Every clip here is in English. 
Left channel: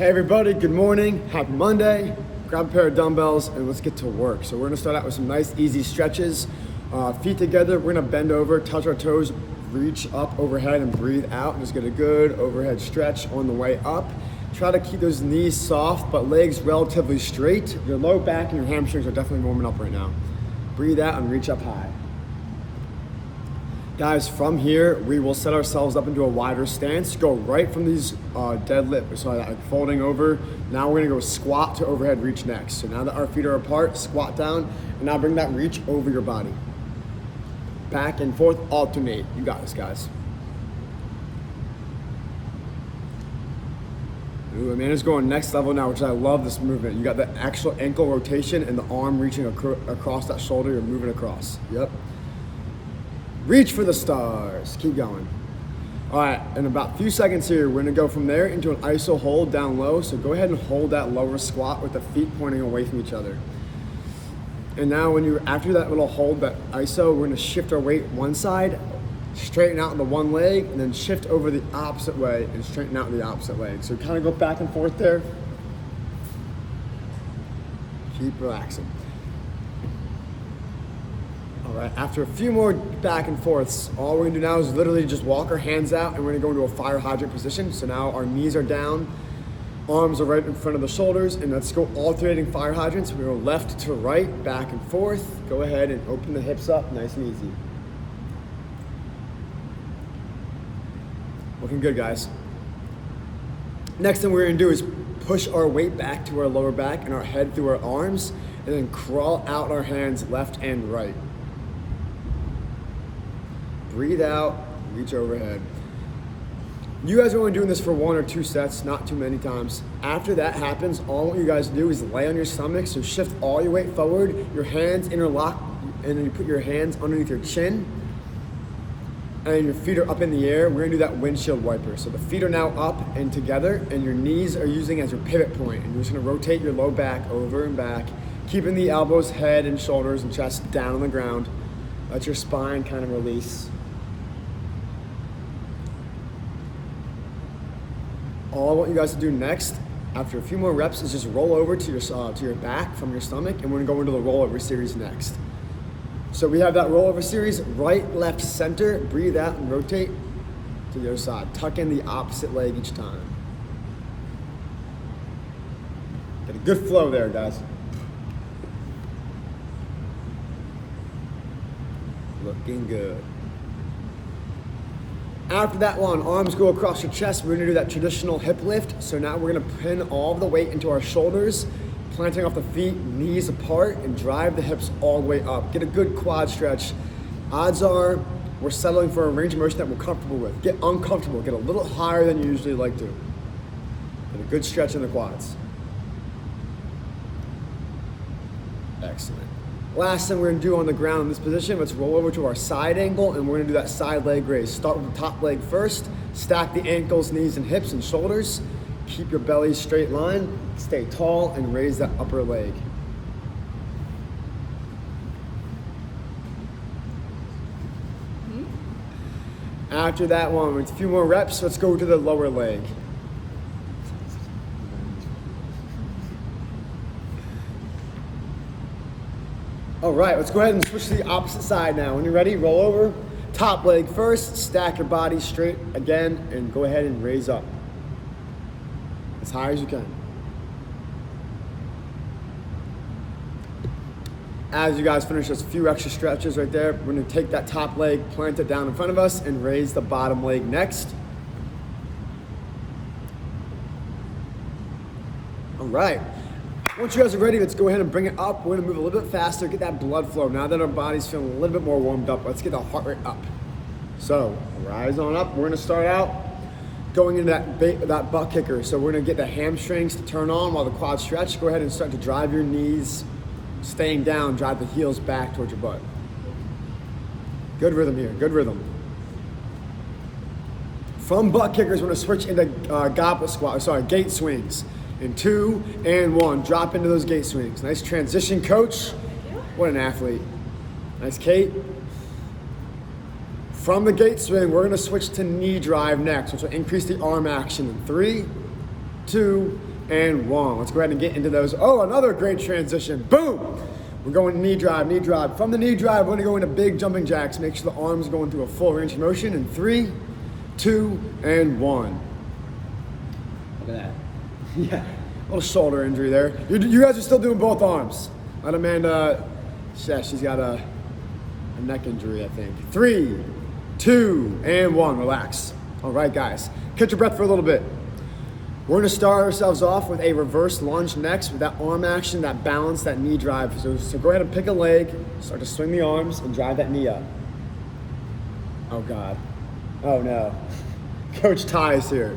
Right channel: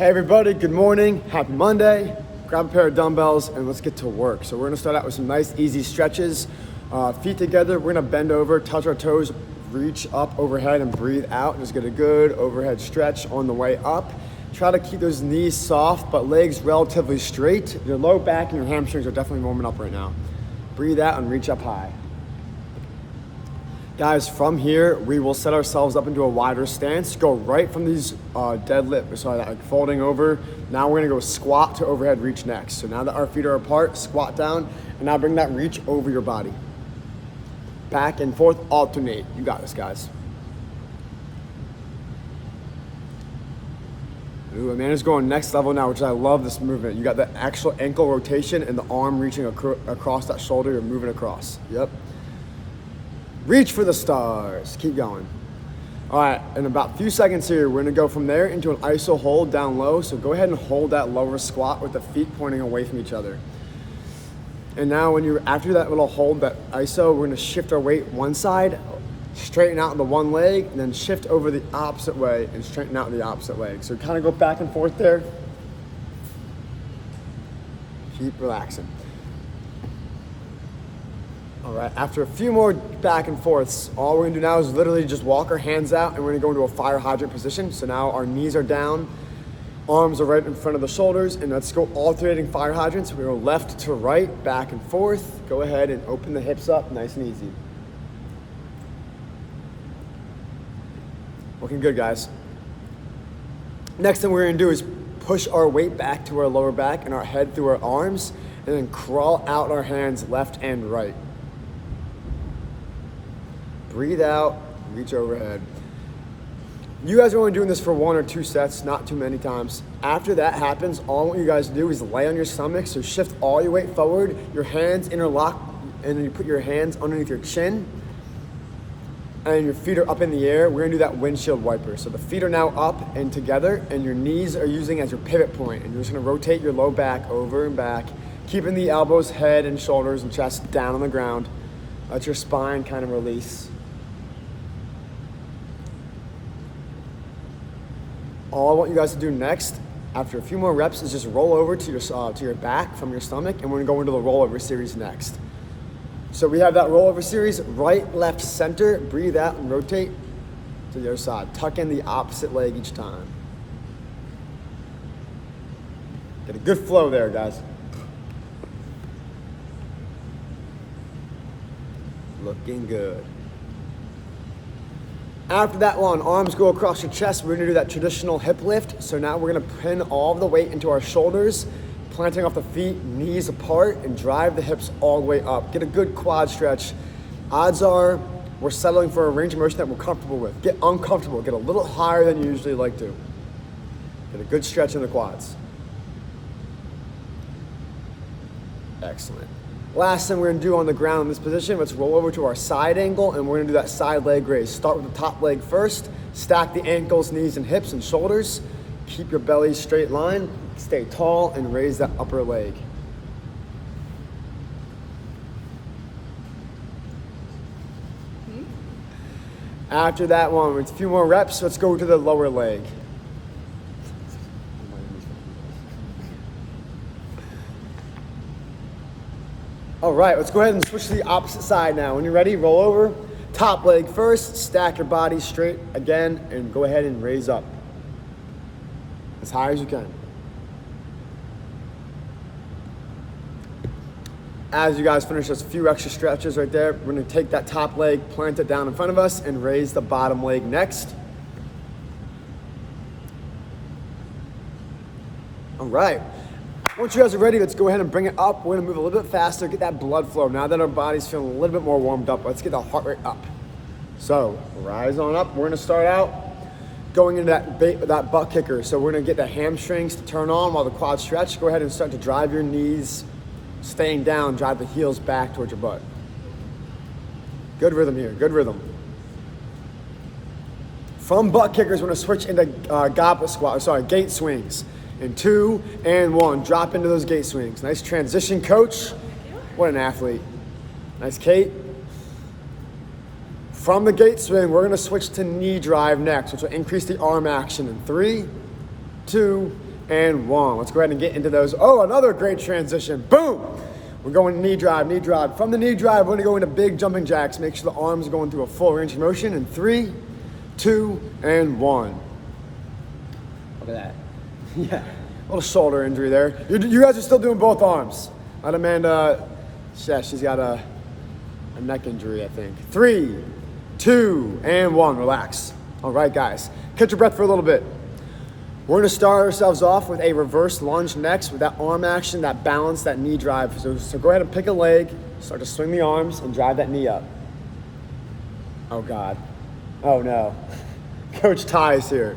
Hey everybody, good morning, happy Monday. Grab a pair of dumbbells and let's get to work. So we're gonna start out with some nice easy stretches. Feet together, we're gonna bend over, touch our toes, reach up overhead and breathe out. Just get a good overhead stretch on the way up. Try to keep those knees soft, but legs relatively straight. Your low back and your hamstrings are definitely warming up right now. Breathe out and reach up high. Guys, from here, we will set ourselves up into a wider stance. Go right from these folding over. Now we're gonna go squat to overhead reach next. So now that our feet are apart, squat down, and now bring that reach over your body. Back and forth, alternate. You got this, guys. Ooh, Amanda's going next level now, which I love this movement. You got the actual ankle rotation and the arm reaching across that shoulder. You're moving across. Yep. Reach for the stars. Keep going. All right, in about a few seconds here, we're gonna go from there into an iso hold down low. So go ahead and hold that lower squat with the feet pointing away from each other. And now when you're after that little hold, that iso, we're gonna shift our weight one side, straighten out the one leg, and then shift over the opposite way and straighten out the opposite leg. So kind of go back and forth there. Keep relaxing. All right, after a few more back and forths, all we're gonna do now is literally just walk our hands out and we're gonna go into a fire hydrant position. So now our knees are down, arms are right in front of the shoulders, and let's go alternating fire hydrants. We go left to right, back and forth. Go ahead and open the hips up, nice and easy. Looking good, guys. Next thing we're gonna do is push our weight back to our lower back and our head through our arms, and then crawl out our hands left and right. Breathe out, reach overhead. You guys are only doing this for 1 or 2 sets, not too many times. After that happens, all I want you guys to do is lay on your stomach, so shift all your weight forward, your hands interlock, and then you put your hands underneath your chin, and your feet are up in the air. We're gonna do that windshield wiper. So the feet are now up and together, and your knees are using as your pivot point, and you're just gonna rotate your low back over and back, keeping the elbows, head, and shoulders and chest down on the ground. Let your spine kind of release. All I want you guys to do next, after a few more reps, is just roll over to your back from your stomach, and we're gonna go into the rollover series next. So we have that rollover series, right, left, center. Breathe out and rotate to the other side. Tuck in the opposite leg each time. Get a good flow there, guys. Looking good. After that one, arms go across your chest. We're gonna do that traditional hip lift. So now we're gonna pin all of the weight into our shoulders, planting off the feet, knees apart, and drive the hips all the way up. Get a good quad stretch. Odds are we're settling for a range of motion that we're comfortable with. Get uncomfortable, get a little higher than you usually like to. Get a good stretch in the quads. Excellent. Last thing we're gonna do on the ground in this position, let's roll over to our side angle, and we're gonna do that side leg raise. Start with the top leg first, stack the ankles, knees, and hips and shoulders. Keep your belly straight line, stay tall, and raise that upper leg. After that one, with a few more reps, let's go to the lower leg. All right, let's go ahead and switch to the opposite side now. When you're ready, roll over. Top leg first, stack your body straight again, and go ahead and raise up as high as you can. As you guys finish those few extra stretches right there, we're gonna take that top leg, plant it down in front of us, and raise the bottom leg next. All right. Once you guys are ready, let's go ahead and bring it up. We're gonna move a little bit faster, get that blood flow. Now that our body's feeling a little bit more warmed up, let's get the heart rate up. So, rise on up. We're gonna start out going into that butt kicker. So we're gonna get the hamstrings to turn on while the quads stretch. Go ahead and start to drive your knees, staying down, drive the heels back towards your butt. Good rhythm here, good rhythm. From butt kickers, we're gonna switch into gate swings. In 2 and 1, drop into those gate swings. Nice transition, coach. What an athlete. Nice, Kate. From the gate swing, we're gonna switch to knee drive next, which will increase the arm action in 3, 2, and 1. Let's go ahead and get into those. Oh, another great transition. Boom! We're going knee drive, knee drive. From the knee drive, we're gonna go into big jumping jacks. Make sure the arms are going through a full range of motion in 3, 2, and 1. Look at that. Yeah, a little shoulder injury there. You guys are still doing both arms. Not Amanda, yeah, she's got a neck injury, I think. 3, 2, and 1, relax. All right, guys, catch your breath for a little bit. We're gonna start ourselves off with a reverse lunge next with that arm action, that balance, that knee drive. So go ahead and pick a leg, start to swing the arms and drive that knee up. Oh God, oh no. Coach Ty is here.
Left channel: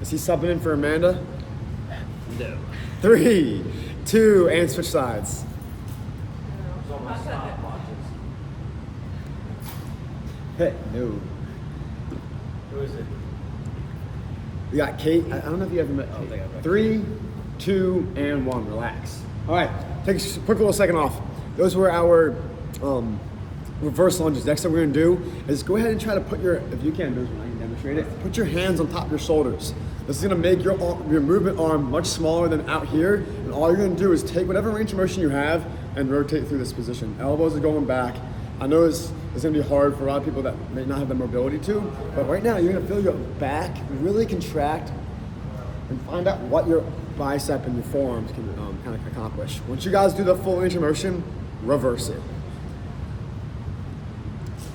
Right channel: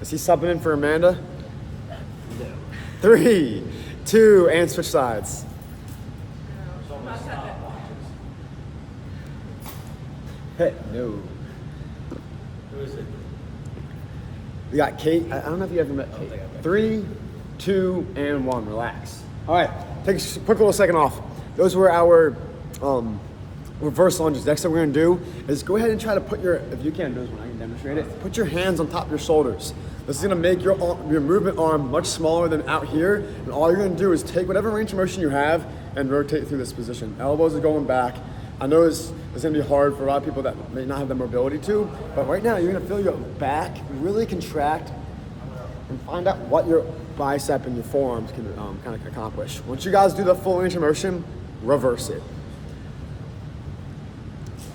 Is he subbing in for Amanda? No. 3, 2, and switch sides. Hey, no. Who is it? You got Kate. I don't know if you ever met Kate. 3, 2, and 1. Relax. All right. Take a quick little second off. Those were our reverse lunges. Next thing we're gonna do is go ahead and try to put your, if you can do this one, I can demonstrate it. Put your hands on top of your shoulders. This is gonna make your movement arm much smaller than out here. And all you're gonna do is take whatever range of motion you have and rotate through this position. Elbows are going back. I know it's gonna be hard for a lot of people that may not have the mobility to, but right now you're gonna feel your back really contract and find out what your bicep and your forearms can kind of accomplish. Once you guys do the full range of motion, reverse it.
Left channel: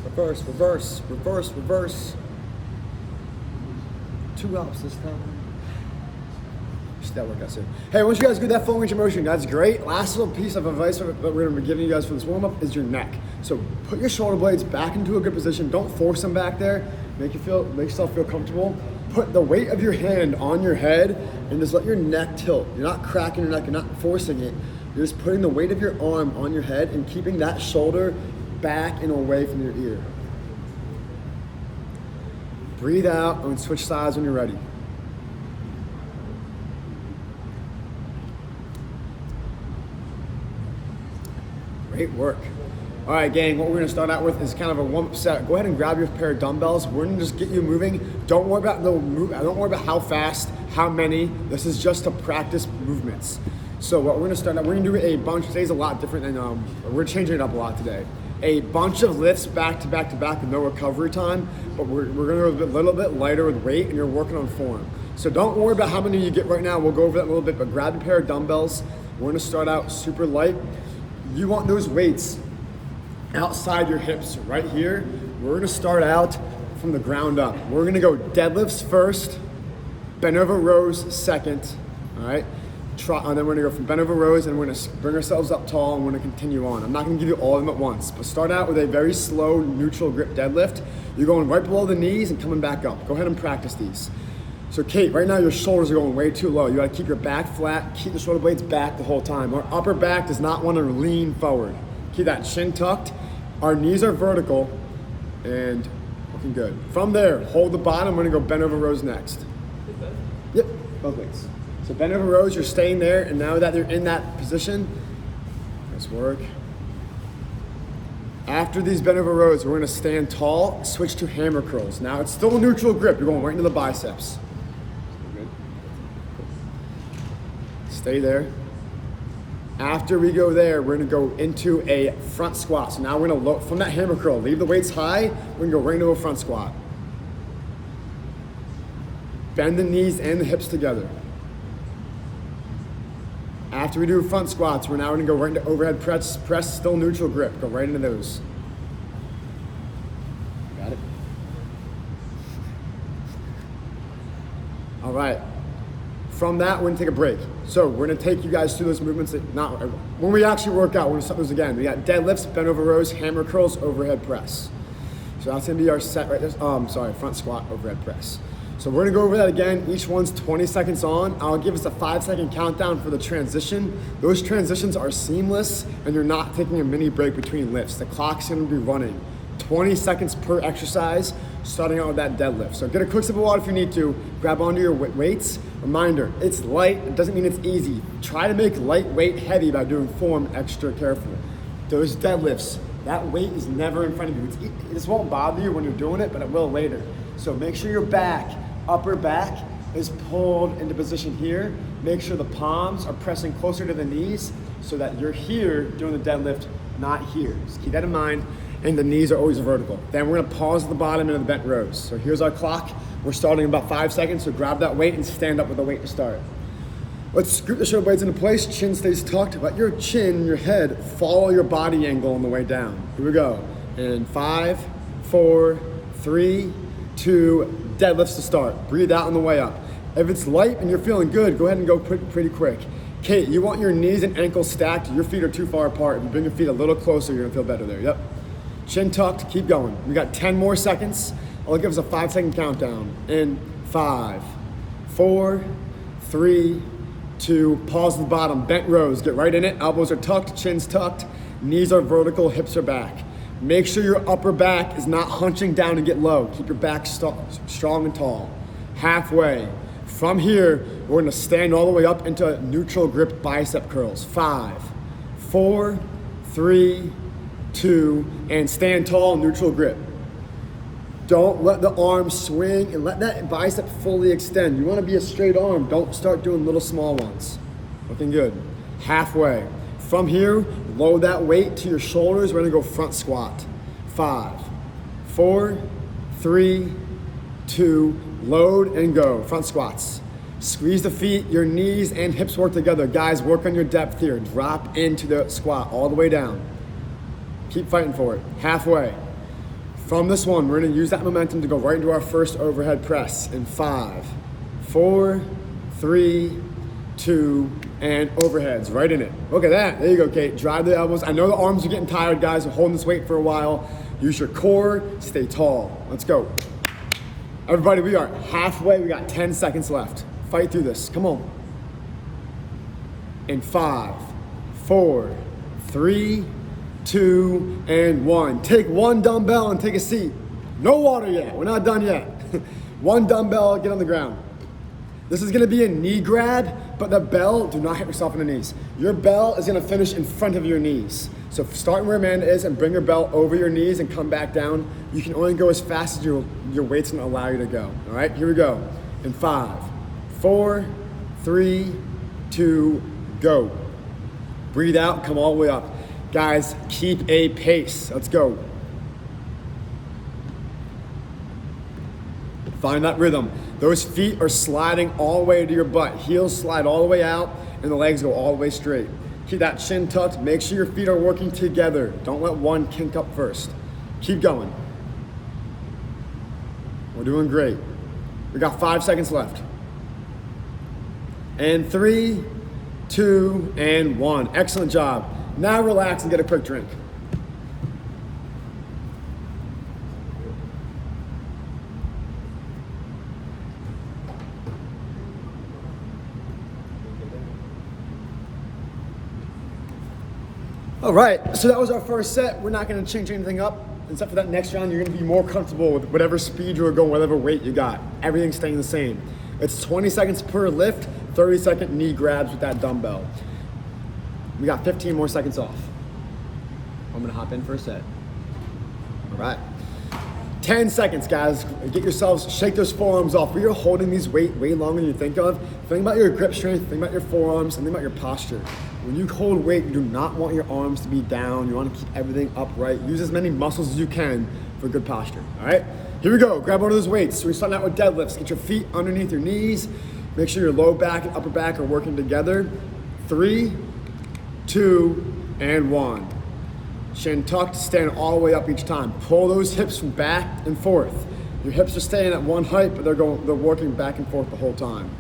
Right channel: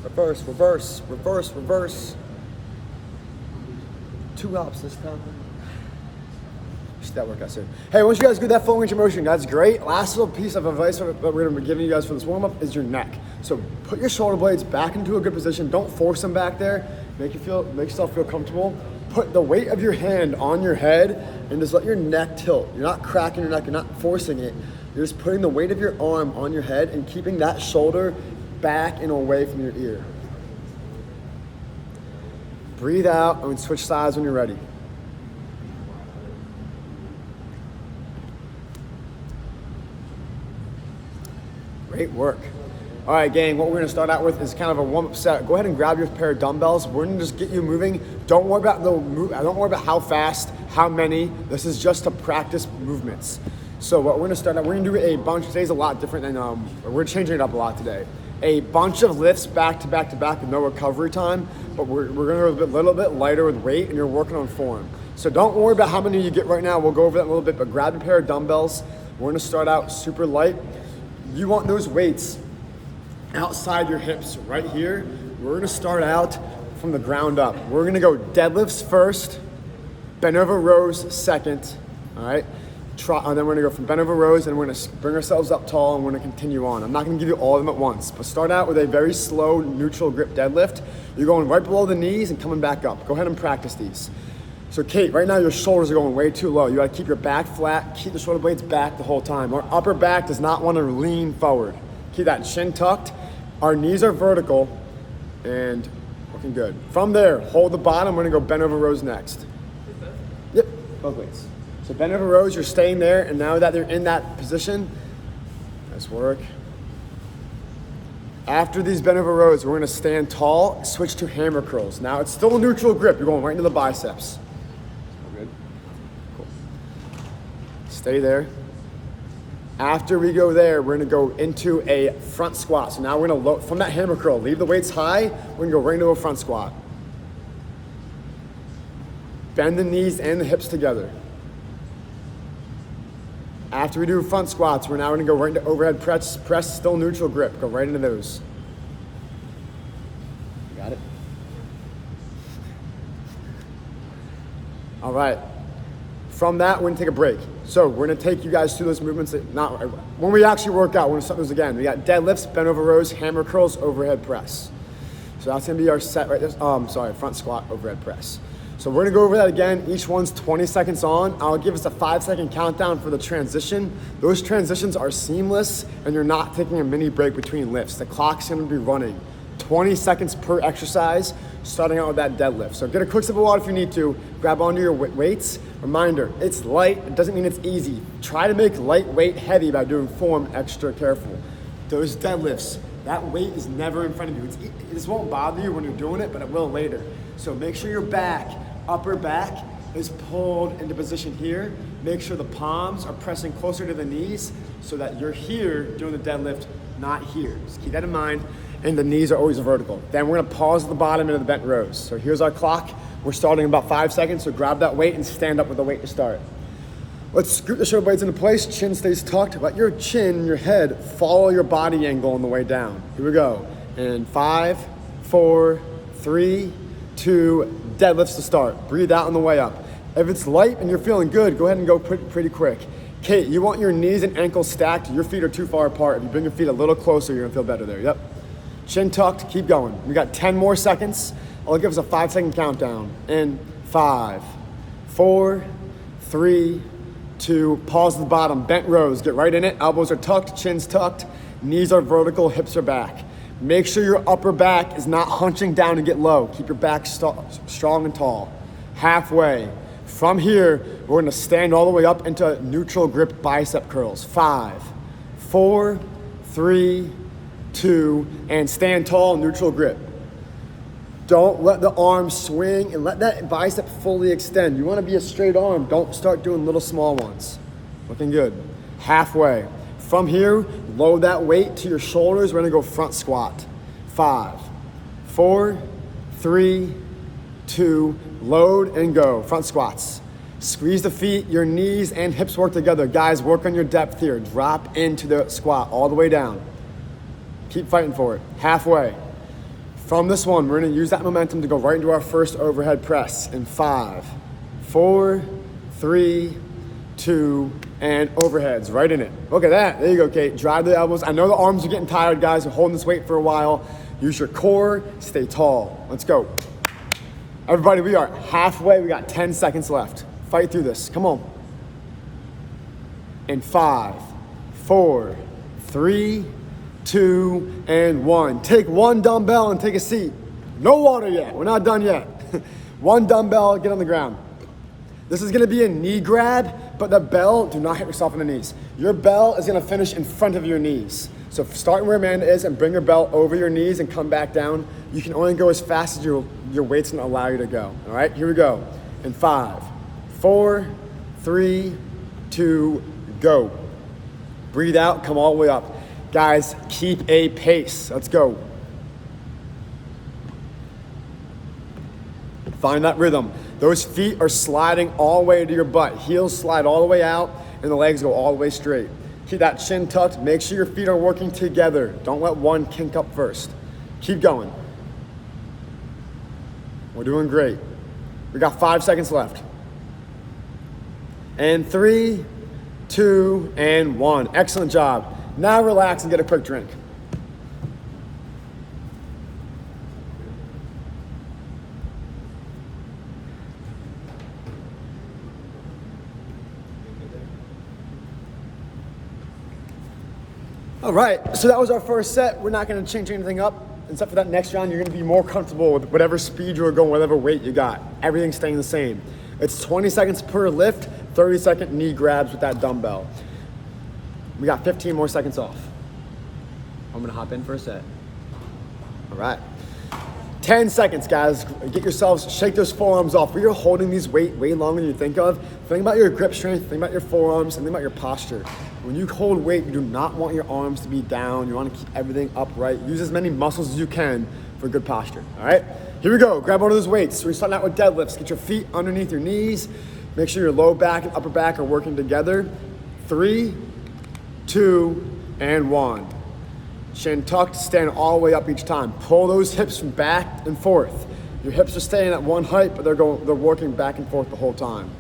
Reverse, reverse, reverse, reverse. 2 ups this time. That work, I see. Hey, once you guys do that full range of motion, that's great. Last little piece of advice that we're going to be giving you guys for this warm-up is your neck. So put your shoulder blades back into a good position. Don't force them back there. Make yourself feel comfortable. Put the weight of your hand on your head and just let your neck tilt. You're not cracking your neck. You're not forcing it. You're just putting the weight of your arm on your head and keeping that shoulder back and away from your ear. Breathe out and switch sides when you're ready. Great work. All right, gang, what we're gonna start out with is kind of a warm-up set. Go ahead and grab your pair of dumbbells. We're gonna just get you moving. Don't worry about how fast, how many. This is just to practice movements. So what we're gonna start out, we're gonna do a bunch, today's a lot different than, we're changing it up a lot today. A bunch of lifts back to back to back with no recovery time, but we're gonna go a little bit lighter with weight and you're working on form. So don't worry about how many you get right now. We'll go over that in a little bit, but grab a pair of dumbbells. We're gonna start out super light. You want those weights outside your hips right here. We're gonna start out from the ground up. We're gonna go deadlifts first, bent over rows second, all right? And then we're gonna go from bent over rows and we're gonna bring ourselves up tall and we're gonna continue on. I'm not gonna give you all of them at once, but start out with a very slow neutral grip deadlift. You're going right below the knees and coming back up. Go ahead and practice these. So Kate, right now your shoulders are going way too low. You gotta keep your back flat, keep the shoulder blades back the whole time. Our upper back does not wanna lean forward. Keep that chin tucked. Our knees are vertical and looking good. From there, hold the bottom. We're gonna go bent over rows next. With both? Yep, both weights. So bent over rows, you're staying there, and now that you're in that position, nice work. After these bent over rows, we're gonna stand tall, switch to hammer curls. Now it's still a neutral grip. You're going right into the biceps. Cool. Stay there. After we go there, we're gonna go into a front squat. So now we're gonna load from that hammer curl. Leave the weights high. We're gonna go right into a front squat. Bend the knees and the hips together. After we do front squats, we're now gonna go right into overhead press, still neutral grip. Go right into those. Got it? All right. From that, we're gonna take a break. So we're gonna take you guys through those movements when we actually work out, we're gonna start those again. We got deadlifts, bent over rows, hammer curls, overhead press. So that's gonna be our set right there. Front squat, overhead press. So we're gonna go over that again. Each one's 20 seconds on. I'll give us a 5-second countdown for the transition. Those transitions are seamless and you're not taking a mini break between lifts. The clock's gonna be running 20 seconds per exercise, starting out with that deadlift. So get a quick sip of water if you need to. Grab onto your weights. Reminder, it's light, it doesn't mean it's easy. Try to make lightweight heavy by doing form extra careful. Those deadlifts, that weight is never in front of you. This won't bother you when you're doing it, but it will later. So make sure your back Upper back is pulled into position here. Make sure the palms are pressing closer to the knees so that you're here doing the deadlift, not here. Just keep that in mind. And the knees are always vertical. Then we're gonna pause at the bottom into the bent rows. So here's our clock. We're starting in about 5 seconds, so grab that weight and stand up with the weight to start. Let's scoot the shoulder blades into place, chin stays tucked. Let your chin, your head, follow your body angle on the way down. Here we go. In 5, 4, 3, 2, deadlifts to start. Breathe out on the way up. If it's light and you're feeling good, go ahead and go pretty quick. Kate, you want your knees and ankles stacked. Your feet are too far apart. If you bring your feet a little closer, you're gonna feel better there. Yep. Chin tucked, keep going. You got 10 more seconds. I'll give us a 5-second countdown. In 5, 4, 3, 2, pause at the bottom, bent rows, get right in it. Elbows are tucked, chin's tucked, knees are vertical, hips are back. Make sure your upper back is not hunching down and get low. Keep your back strong and tall. Halfway. From here, we're gonna stand all the way up into neutral grip bicep curls. 5, 4, 3, 2, and stand tall, neutral grip. Don't let the arm swing and let that bicep fully extend. You wanna be a straight arm, don't start doing little small ones. Looking good. Halfway. From here, load that weight to your shoulders. We're gonna go front squat. 5, 4, 3, 2, load and go. Front squats. Squeeze the feet, your knees and hips work together. Guys, work on your depth here. Drop into the squat all the way down. Keep fighting for it. Halfway. From this one, we're gonna use that momentum to go right into our first overhead press in 5, 4, 3, 2, and overheads, right in it. Look at that, there you go, Kate. Drive the elbows. I know the arms are getting tired, guys. You're holding this weight for a while. Use your core, stay tall. Let's go. Everybody, we are halfway. We got 10 seconds left. Fight through this, come on. In 5, 4, 3, 2, and 1. Take one dumbbell and take a seat. No water yet, we're not done yet. One dumbbell, get on the ground. This is gonna be a knee grab, but the bell, do not hit yourself in the knees. Your bell is gonna finish in front of your knees. So start where Amanda is and bring your bell over your knees and come back down. You can only go as fast as your weight's gonna allow you to go. All right, here we go. In 5, 4, 3, 2, go. Breathe out, come all the way up. Guys, keep a pace. Let's go. Find that rhythm. Those feet are sliding all the way to your butt. Heels slide all the way out and the legs go all the way straight. Keep that chin tucked. Make sure your feet are working together. Don't let one kink up first. Keep going. We're doing great. We got 5 seconds left. And 3, 2, and 1. Excellent job. Now relax and get a quick drink. All right, so that was our first set. We're not gonna change anything up. Except for that next round, you're gonna be more comfortable with whatever speed you're going, whatever weight you got. Everything's staying the same. It's 20 seconds per lift, 30-second knee grabs with that dumbbell. We got 15 more seconds off. I'm gonna hop in for a set. All right. 10 seconds, guys. Get yourselves, shake those forearms off. We are holding these weight way longer than you think of. Think about your grip strength, think about your forearms, and think about your posture. When you hold weight, you do not want your arms to be down. You want to keep everything upright. Use as many muscles as you can for good posture, all right? Here we go, grab one of those weights. So we're starting out with deadlifts. Get your feet underneath your knees. Make sure your low back and upper back are working together. 3, 2, and 1. Chin tucked, stand all the way up each time. Pull those hips from back and forth. Your hips are staying at one height, but they're working back and forth the whole time.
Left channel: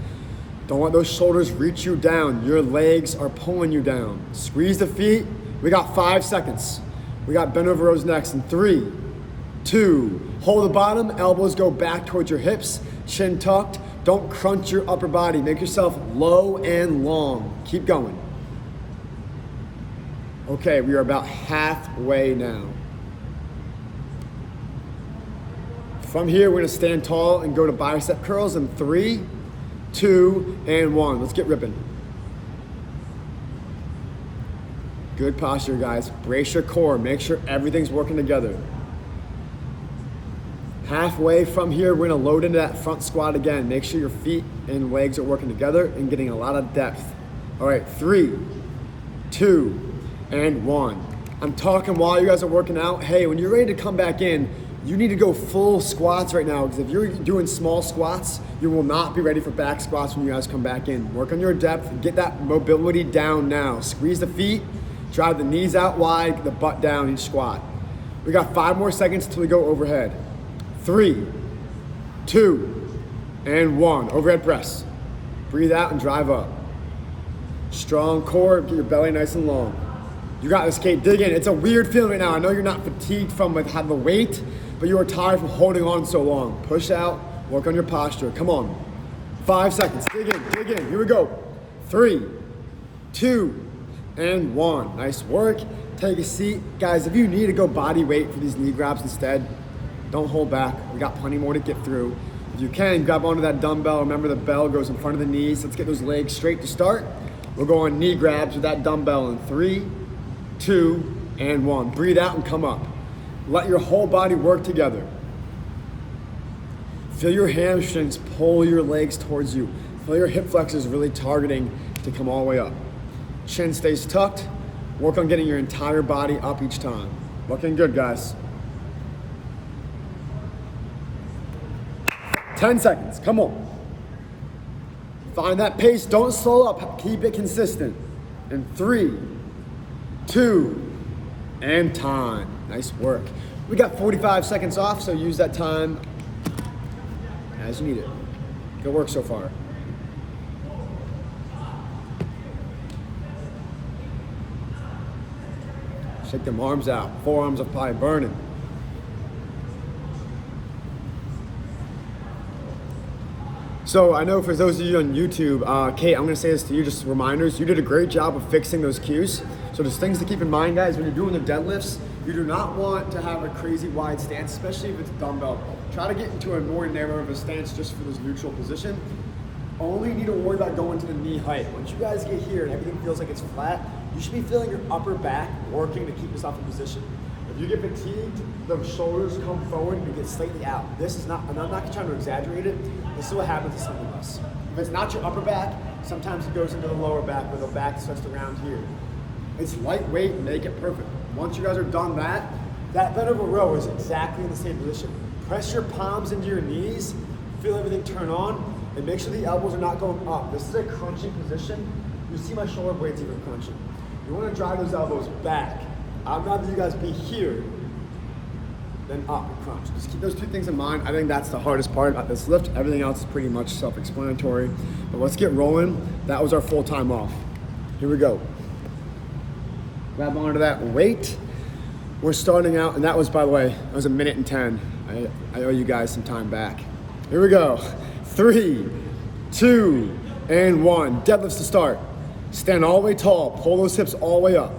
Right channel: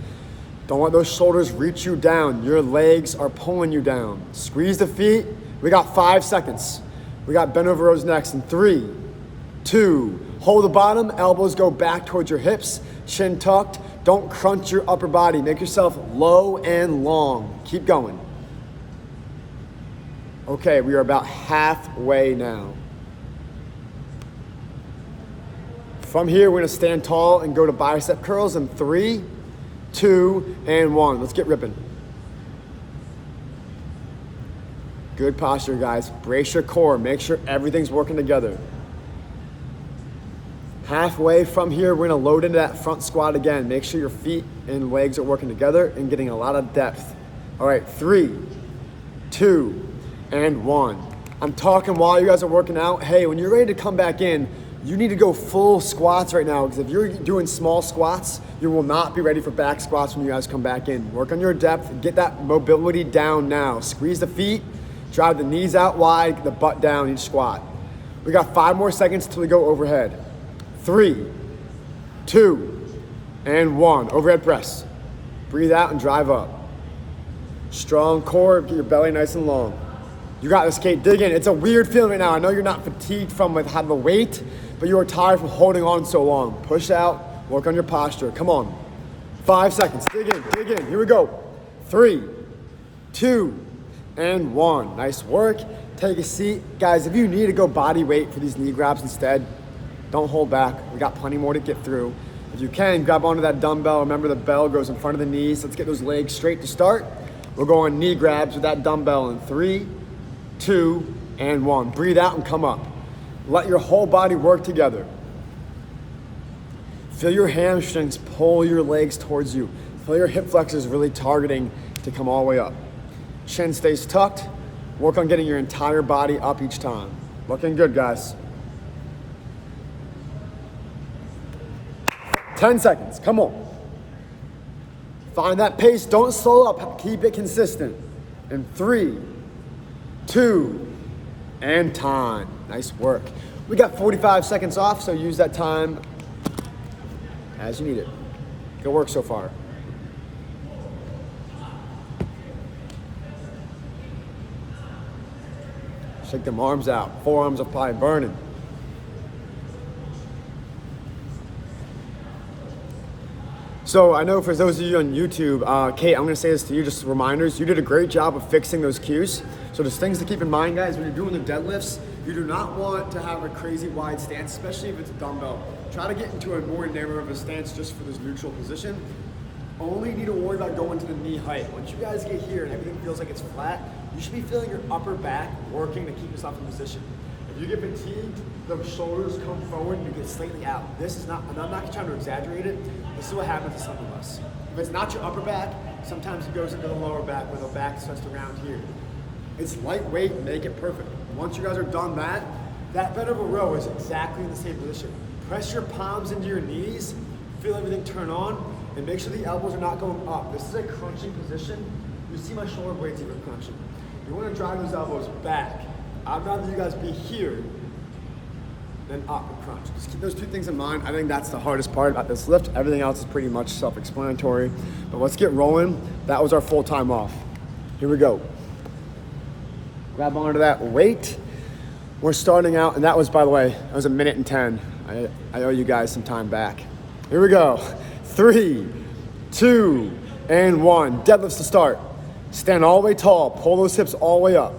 Don't let those shoulders reach you down. Your legs are pulling you down. Squeeze the feet. We got 5 seconds. We got bent over rows next in 3, 2, hold the bottom, elbows go back towards your hips, chin tucked. Don't crunch your upper body. Make yourself low and long. Keep going. Okay, we are about halfway now. From here, we're gonna stand tall and go to bicep curls in 3, 2, and 1. Let's get ripping. Good posture, guys. Brace your core. Make sure everything's working together. Halfway from here, we're gonna load into that front squat again. Make sure your feet and legs are working together and getting a lot of depth. All right, 3, 2, and 1. I'm talking while you guys are working out. Hey, when you're ready to come back in, you need to go full squats right now, because if you're doing small squats, you will not be ready for back squats when you guys come back in. Work on your depth, get that mobility down now. Squeeze the feet, drive the knees out wide, the butt down each squat. We got 5 more seconds till we go overhead. 3, 2, and 1. Overhead press. Breathe out and drive up. Strong core, get your belly nice and long. You got this, Kate. Dig in. It's a weird feeling right now. I know you're not fatigued from having the weight, but you are tired from holding on so long. Push out, work on your posture. Come on. 5 seconds. Dig in, dig in. Here we go. 3, 2, and 1. Nice work. Take a seat. Guys, if you need to go body weight for these knee grabs instead, don't hold back. We got plenty more to get through. If you can, grab onto that dumbbell. Remember, the bell goes in front of the knees. Let's get those legs straight to start. We'll go on knee grabs with that dumbbell in 3, 2, and 1. Breathe out and come up. Let your whole body work together. Feel your hamstrings pull your legs towards you. Feel your hip flexors really targeting to come all the way up. Chin stays tucked. Work on getting your entire body up each time. Looking good, guys. 10 seconds, come on. Find that pace, don't slow up, keep it consistent. In 3, 2, and time. Nice work. We got 45 seconds off, so use that time as you need it. Good work so far. Shake them arms out. Forearms are probably burning. So I know for those of you on YouTube, Kate, I'm gonna say this to you, just reminders, you did a great job of fixing those cues. So there's things to keep in mind, guys, when you're doing the deadlifts, you do not want to have a crazy wide stance, especially if it's a dumbbell. Try to get into a more narrow of a stance just for this neutral position. Only need to worry about going to the knee height. Once you guys get here and everything feels like it's flat, you should be feeling your upper back working to keep yourself in position. If you get fatigued, the shoulders come forward and you get slightly out. This is not, and I'm not trying to exaggerate it, this is what happens to some of us. If it's not your upper back, sometimes it goes into the lower back where the back starts to round here. It's lightweight, make it perfect. Once you guys are done that bent over row is exactly in the same position. Press your palms into your knees, feel everything turn on, and make sure the elbows are not going up. This is a crunching position. You see my shoulder blades even crunching. You want to drive those elbows back. I'd rather you guys be here than up and crunch. Just keep those two things in mind. I think that's the hardest part about this lift. Everything else is pretty much self-explanatory. But let's get rolling. That was our full time off. Here we go. Grab onto that weight. We're starting out, and that was, by the way, that was 1 minute and 10. I owe you guys some time back. Here we go. 3, 2, and 1. Deadlifts to start. Stand all the way tall. Pull those hips all the way up.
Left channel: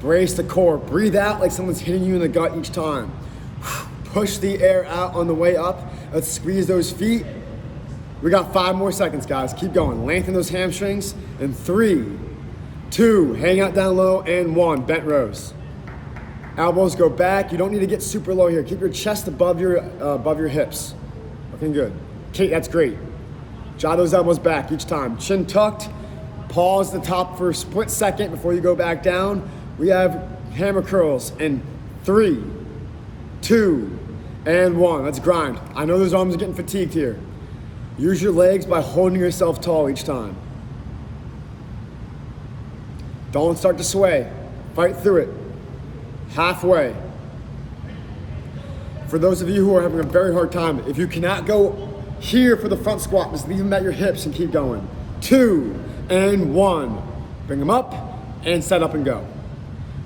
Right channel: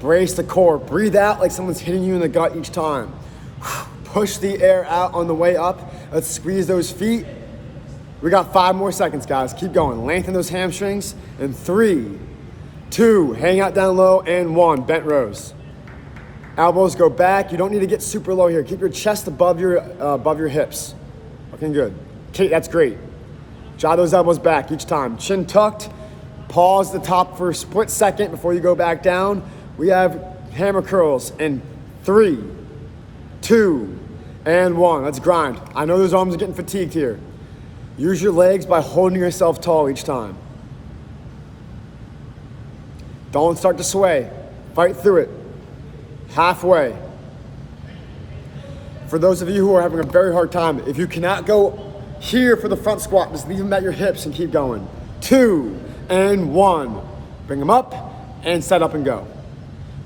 Brace the core. Breathe out like someone's hitting you in the gut each time. Push the air out on the way up. Let's squeeze those feet. We got 5 more seconds, guys. Keep going. Lengthen those hamstrings. In 3, 2, hang out down low, and 1. Bent rows. Elbows go back. You don't need to get super low here. Keep your chest above your hips. Looking good. Kate, that's great. Draw those elbows back each time. Chin tucked. Pause the top for a split second before you go back down. We have hammer curls in 3, 2, and 1. Let's grind. I know those arms are getting fatigued here. Use your legs by holding yourself tall each time. Don't start to sway. Fight through it. Halfway. For those of you who are having a very hard time, if you cannot go here for the front squat, just leave them at your hips and keep going. 2, and 1. Bring them up and set up and go.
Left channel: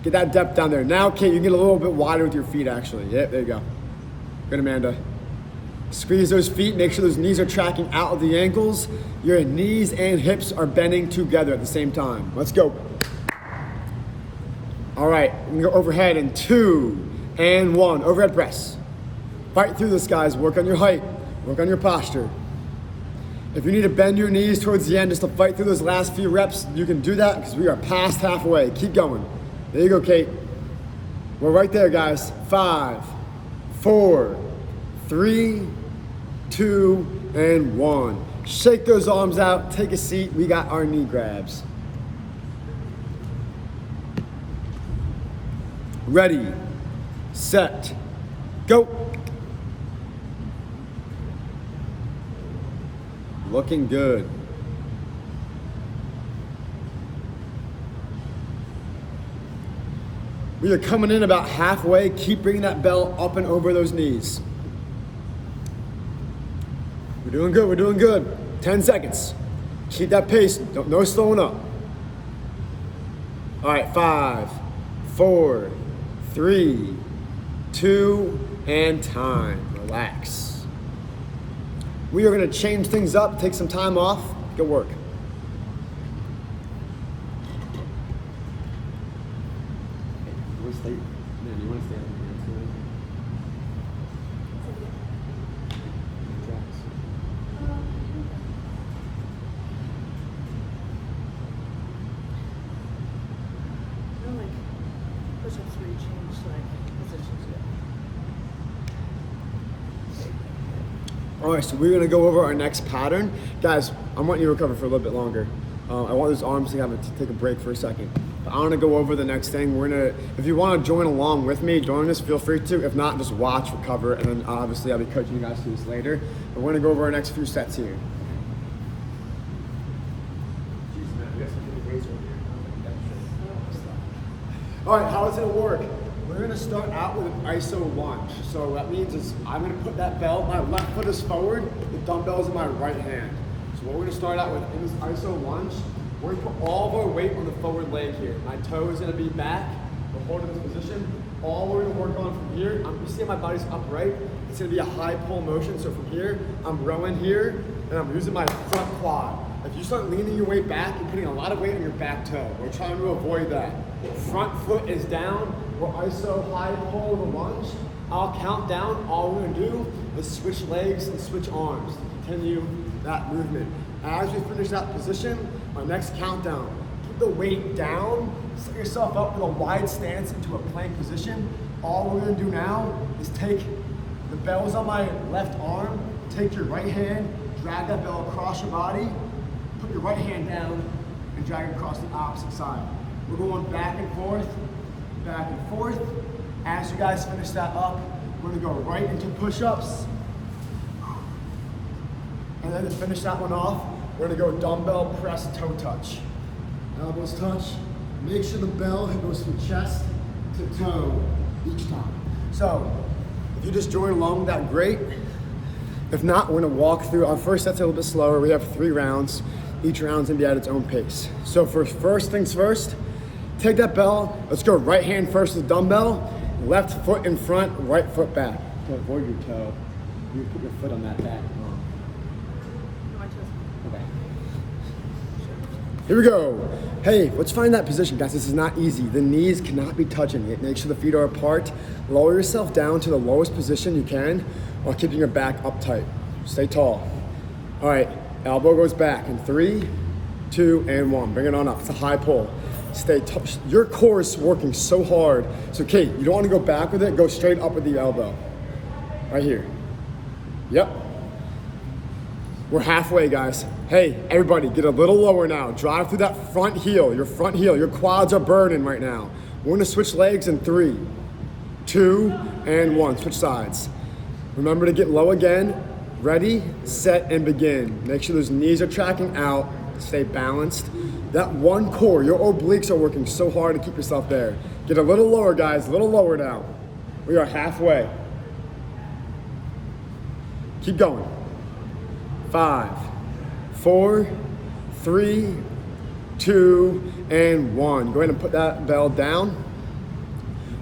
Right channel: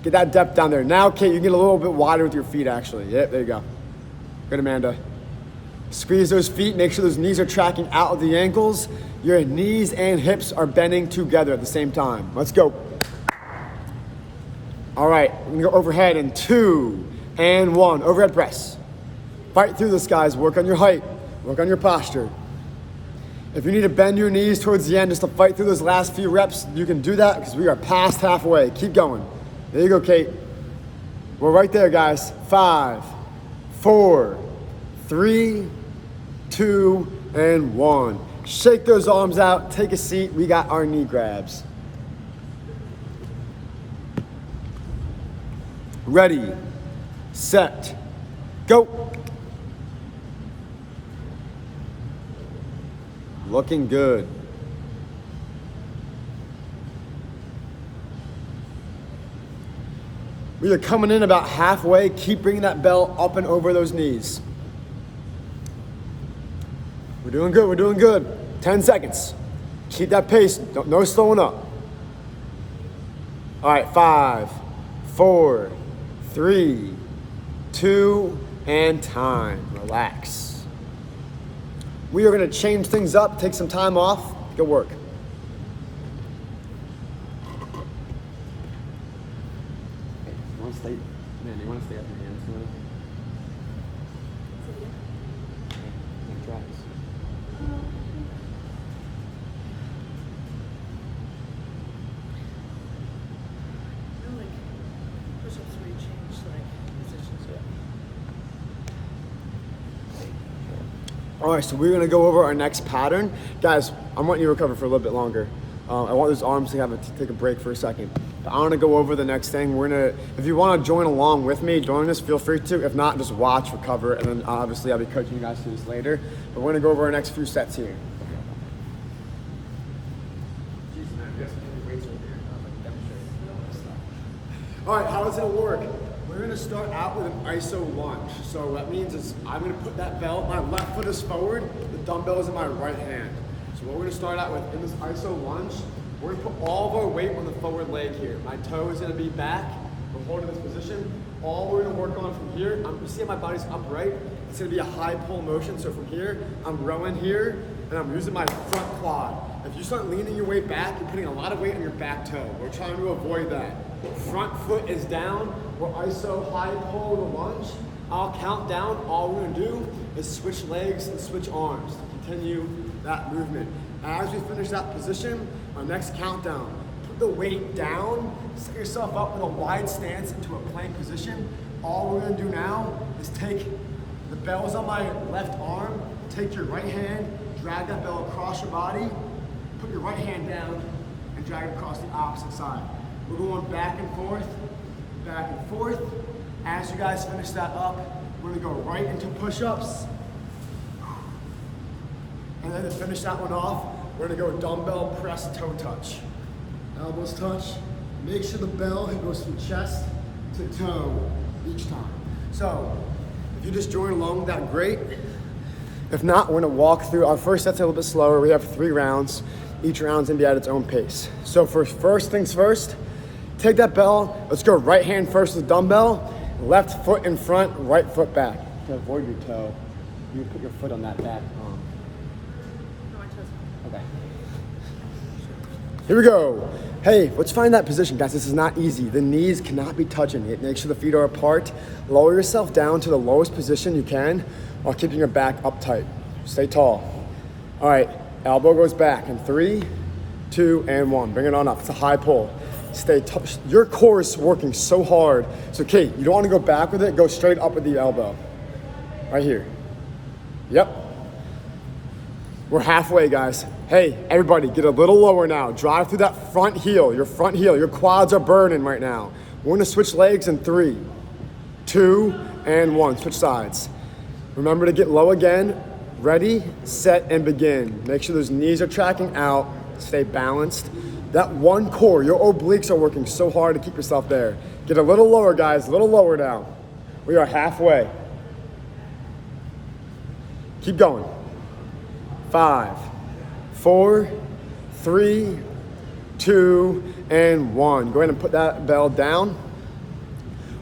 Get that depth down there. Now, Kate, you get a little bit wider with your feet, actually. Yeah, there you go. Good, Amanda. Squeeze those feet. Make sure those knees are tracking out of the ankles. Your knees and hips are bending together at the same time. Let's go. All right, we're gonna go overhead in 2, and 1. Overhead press. Fight through this, guys. Work on your height. Work on your posture. If you need to bend your knees towards the end just to fight through those last few reps, you can do that because we are past halfway. Keep going. There you go, Kate. We're right there, guys. 5, 4, 3, 2, and 1. Shake those arms out, take a seat. We got our knee grabs. Ready, set, go. Looking good. We are coming in about halfway. Keep bringing that bell up and over those knees. We're doing good, we're doing good. 10 seconds. Keep that pace, no slowing up. All right, 5, 4, 3, 2, and time. Relax. We are gonna change things up, take some time off. Good work. You want to stay up and dance now? No, like push-ups where you change like positions. All right, so we're gonna go over our next pattern. Guys, I want you to recover for a little bit longer. I want those arms to take a break for a second. I want to go over the next thing. If you want to join along with me, join us, feel free to. If not, just watch, recover, and then obviously I'll be coaching you guys through this later. But we're gonna go over our next few sets here. Jeez, man, we got some heavy weights up here. All right, how is it gonna work? We're gonna start out with an iso lunge. So what that means is I'm gonna put that bell, my left foot is forward, the dumbbell is in my right hand. So what we're gonna start out with in this iso lunge, we're gonna put all of our weight on the forward leg here. My toe is gonna be back. We're holding this position. All we're gonna work on from here, you see how my body's upright? It's gonna be a high pull motion. So from here, I'm rowing here, and I'm using my front quad. If you start leaning your weight back, you're putting a lot of weight on your back toe. We're trying to avoid that. Front foot is down. We're iso high pull the lunge. I'll count down. All we're gonna do is switch legs and switch arms to continue that movement. As we finish that position, our next countdown, put the weight down, set yourself up with a wide stance into a plank position. All we're gonna do now is take the bells on my left arm, take your right hand, drag that bell across your body, put your right hand down, and drag it across the opposite side. We're going back and forth, back and forth. As you guys finish that up, we're gonna go right into push-ups. And then to finish that one off, we're gonna go dumbbell press toe touch. Elbows touch. Make sure the bell goes from chest to toe each time. So, if you just join along with that, great. If not, we're gonna walk through. Our first set's a little bit slower. We have 3 rounds. Each round's gonna be at its own pace. So for first things first, take that bell. Let's go right hand first with the dumbbell. Left foot in front, right foot back. To avoid your toe, you put your foot on that back arm. No, my toes. Okay. Here we go. Hey, let's find that position, guys. This is not easy. The knees cannot be touching it. Make sure the feet are apart. Lower yourself down to the lowest position you can while keeping your back up tight. Stay tall. All right, elbow goes back in 3, 2, and 1. Bring it on up. It's a high pull. Stay your core is working so hard. So, Kate, you don't want to go back with it. Go straight up with the elbow. Right here. Yep. We're halfway, guys. Hey, everybody, get a little lower now. Drive through that front heel, your front heel. Your quads are burning right now. We're gonna switch legs in 3, 2, and 1. Switch sides. Remember to get low again. Ready, set, and begin. Make sure those knees are tracking out. Stay balanced. That one core, your obliques are working so hard to keep yourself there. Get a little lower, guys, a little lower now. We are halfway. Keep going. 5, 4, 3, 2, and 1. Go ahead and put that bell down.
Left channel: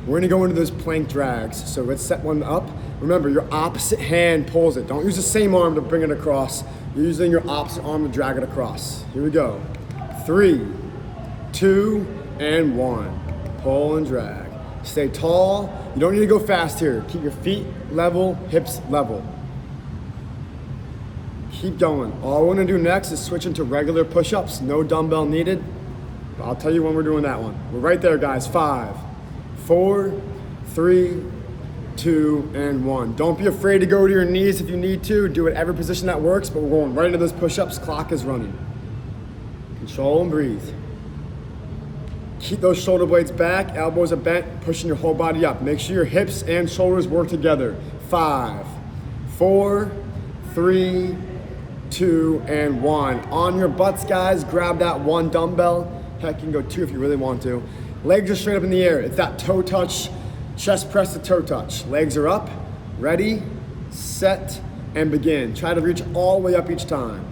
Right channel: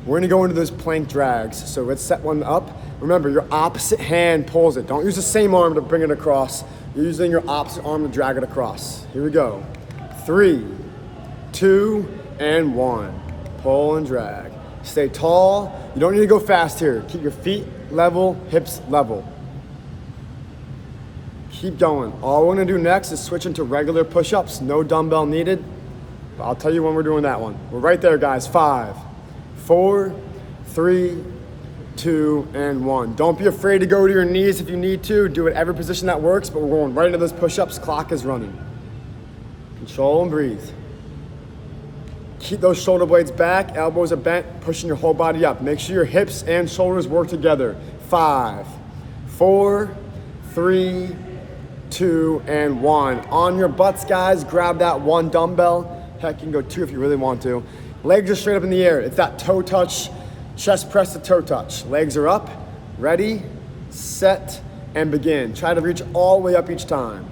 We're gonna go into those plank drags. So let's set one up. Remember, your opposite hand pulls it. Don't use the same arm to bring it across. You're using your opposite arm to drag it across. Here we go. 3, 2, and 1. Pull and drag. Stay tall. You don't need to go fast here. Keep your feet level, hips level. Keep going. All we're gonna do next is switch into regular push-ups. No dumbbell needed. But I'll tell you when we're doing that one. We're right there, guys. 5, 4, 3, 2, and 1. Don't be afraid to go to your knees if you need to. Do it every position that works, but we're going right into those push-ups. Clock is running. Control and breathe. Keep those shoulder blades back, elbows are bent, pushing your whole body up. Make sure your hips and shoulders work together. 5, 4, 3, 2, and 1. On your butts, guys, grab that 1 dumbbell. Heck, you can go 2 if you really want to. Legs are straight up in the air. It's that toe touch, chest press to toe touch. Legs are up, ready, set, and begin. Try to reach all the way up each time.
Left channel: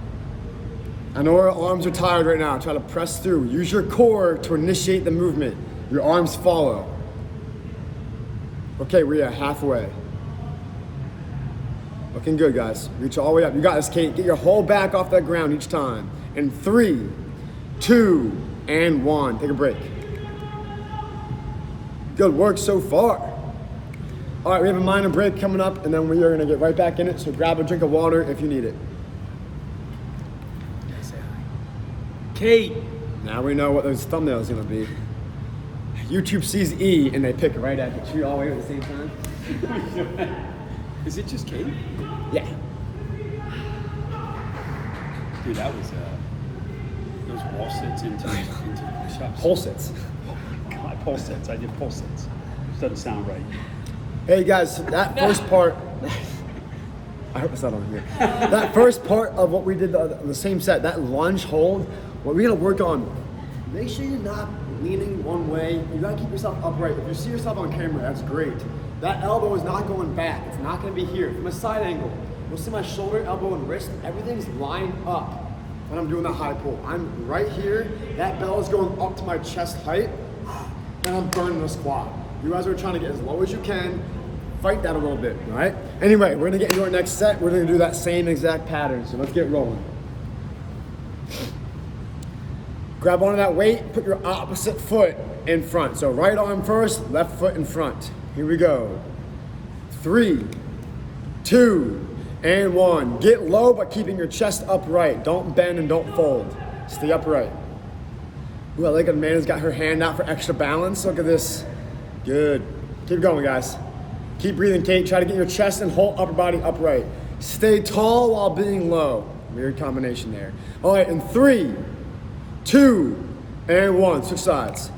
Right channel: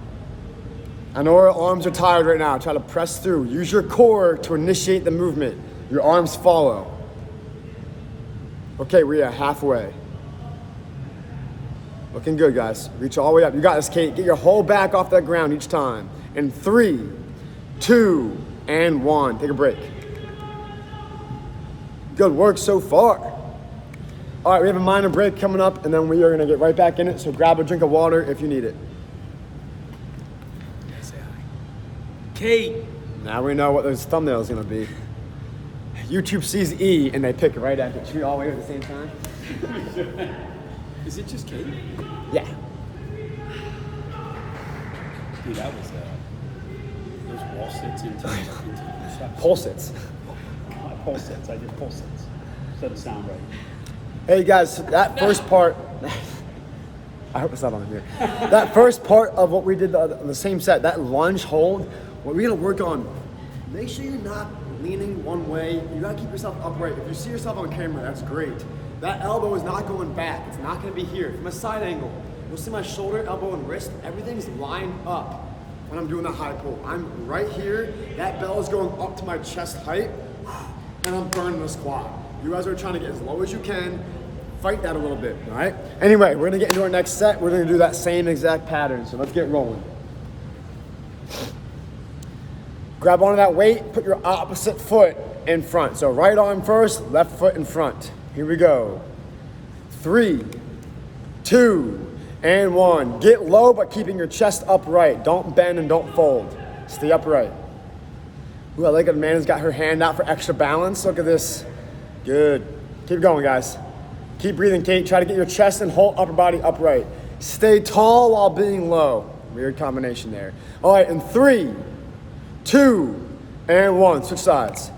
I know our arms are tired right now. Try to press through. Use your core to initiate the movement. Your arms follow. Okay, we are halfway. Looking good, guys. Reach all the way up. You got this, Kate. Get your whole back off that ground each time. In 3, 2, and 1. Take a break. Good work so far. All right, we have a minor break coming up, and then we are gonna get right back in it, so grab a drink of water if you need it. Say hi. Kate. Now we know what those thumbnails are gonna be. YouTube sees E, and they pick right at it. You all here at the same time? Is it just Kate? Yeah. Dude, that was those wall sits into push-ups. Pole sits. Not pole sits. I did pole sits. Doesn't sound right. Hey guys, that first part, I hope it's not on here. That first part of what we did, the same set, that lunge hold, what we're gonna work on, make sure you're not leaning one way. You gotta keep yourself upright. If you see yourself on camera, that's great. That elbow is not going back. It's not gonna be here. From a side angle, you'll see my shoulder, elbow, and wrist, everything's lined up when I'm doing that high pull. I'm right here, that bell is going up to my chest height, and I'm burning the squat. You guys are trying to get as low as you can. Fight that a little bit, all right? Anyway, we're gonna get into our next set. We're gonna do that same exact pattern, so let's get rolling. Grab onto that weight, put your opposite foot in front. So right arm first, left foot in front. Here we go. 3, 2, and 1. Get low, but keeping your chest upright. Don't bend and don't fold. Stay upright. Ooh, I like a man's got her hand out for extra balance. Look at this. Good. Keep going, guys. Keep breathing, Kate. Try to get your chest and whole upper body upright. Stay tall while being low. Weird combination there. All right, in 3, 2, and 1. Switch sides.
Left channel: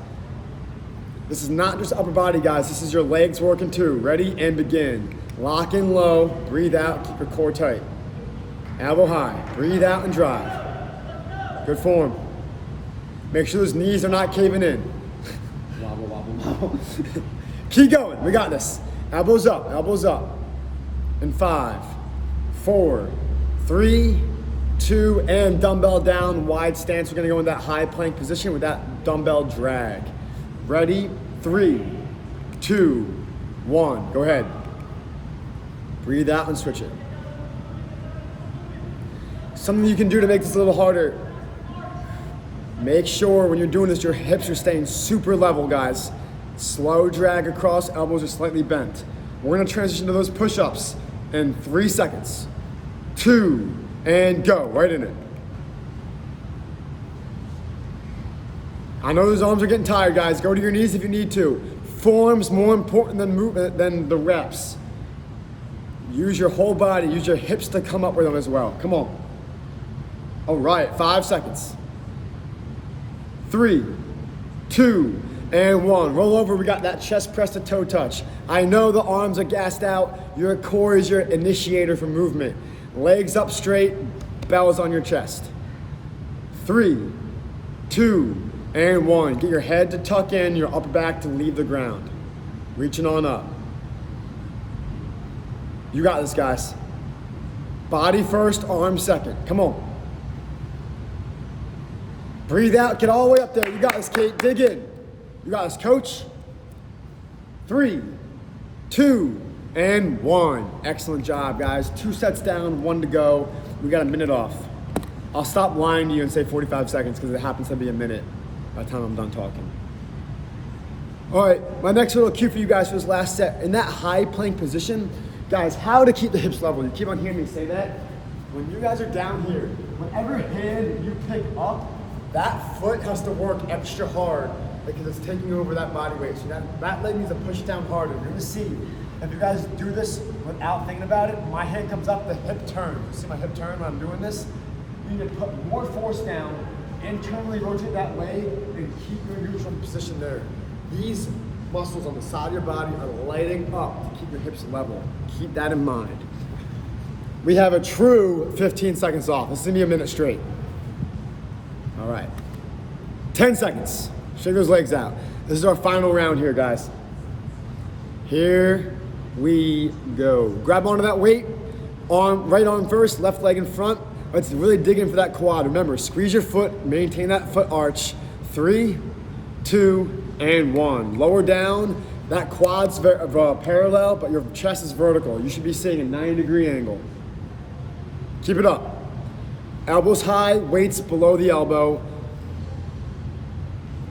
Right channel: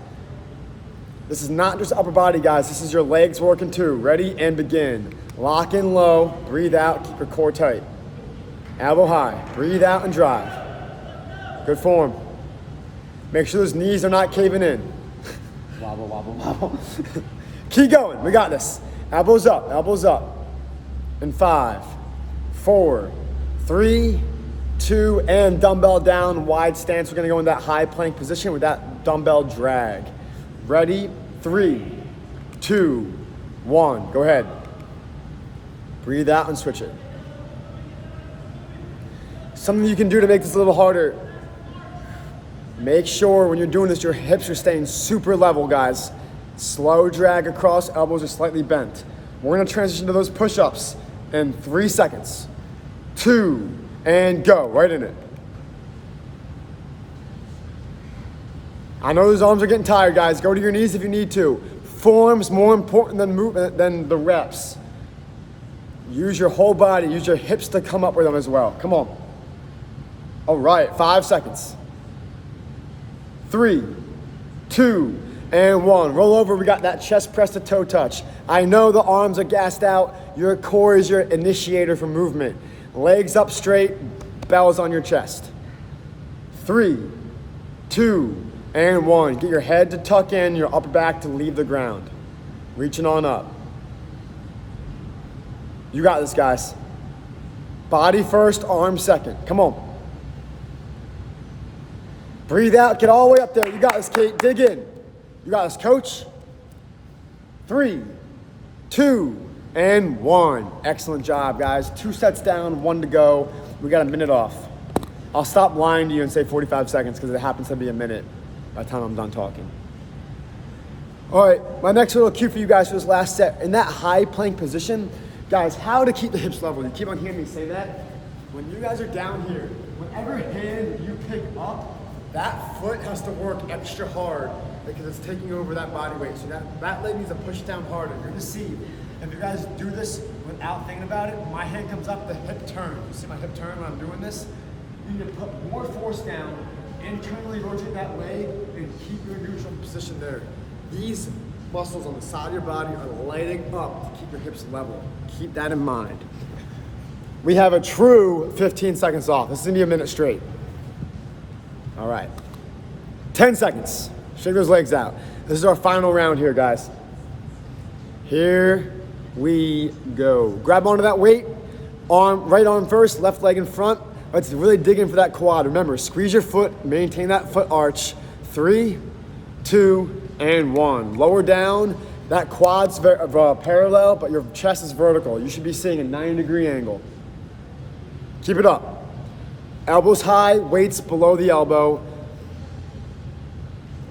This is not just upper body, guys. This is your legs working too. Ready and begin. Lock in low. Breathe out. Keep your core tight. Elbow high. Breathe out and drive. Good form. Make sure those knees are not caving in. Wobble, wobble, wobble. Keep going. We got this. Elbows up. Elbows up. In 5, 4, 3, 2, and dumbbell down. Wide stance. We're going to go in that high plank position with that dumbbell drag. Ready? 3, 2, 1. Go ahead. Breathe out and switch it. Something you can do to make this a little harder. Make sure when you're doing this, your hips are staying super level, guys. Slow drag across, elbows are slightly bent. We're gonna transition to those push-ups in 3 seconds. 2, and go. Right in it. I know those arms are getting tired, guys. Go to your knees if you need to. Form's more important than movement than the reps. Use your whole body. Use your hips to come up with them as well. Come on. All right, 5 seconds. 3, 2, and 1. Roll over. We got that chest press to toe touch. I know the arms are gassed out. Your core is your initiator for movement. Legs up straight, bells on your chest. 3, 2, and 1. Get your head to tuck in, your upper back to leave the ground. Reaching on up. You got this, guys. Body first, arm second. Come on. Breathe out, get all the way up there. You got this, Kate. Dig in. You got this, coach. 3, 2, and 1. Excellent job, guys. 2 sets down, 1 to go. We got a minute off. I'll stop lying to you and say 45 seconds because it happens to be a minute by the time I'm done talking. All right, my next little cue for you guys for this last set. In that high plank position, guys, how to keep the hips level. You keep on hearing me say that. When you guys are down here, whatever hand you pick up, that foot has to work extra hard because it's taking over that body weight. So that leg needs to push down harder. You're gonna see, if you guys do this without thinking about it, my hand comes up, the hip turns. You see my hip turn when I'm doing this? You need to put more force down, internally rotate that leg, and keep your neutral position there. These muscles on the side of your body are lighting up to keep your hips level. Keep that in mind. We have a true 15 seconds off. This is gonna be a minute straight. All right, 10 seconds. Shake those legs out. This is our final round here, guys. Here we go. Grab onto that weight. Right arm first, left leg in front. Let's really dig in for that quad. Remember, squeeze your foot, maintain that foot arch. 3, 2, and 1. Lower down. That quad's parallel, but your chest is vertical. You should be seeing a 90-degree angle. Keep it up. Elbows high, weights below the elbow.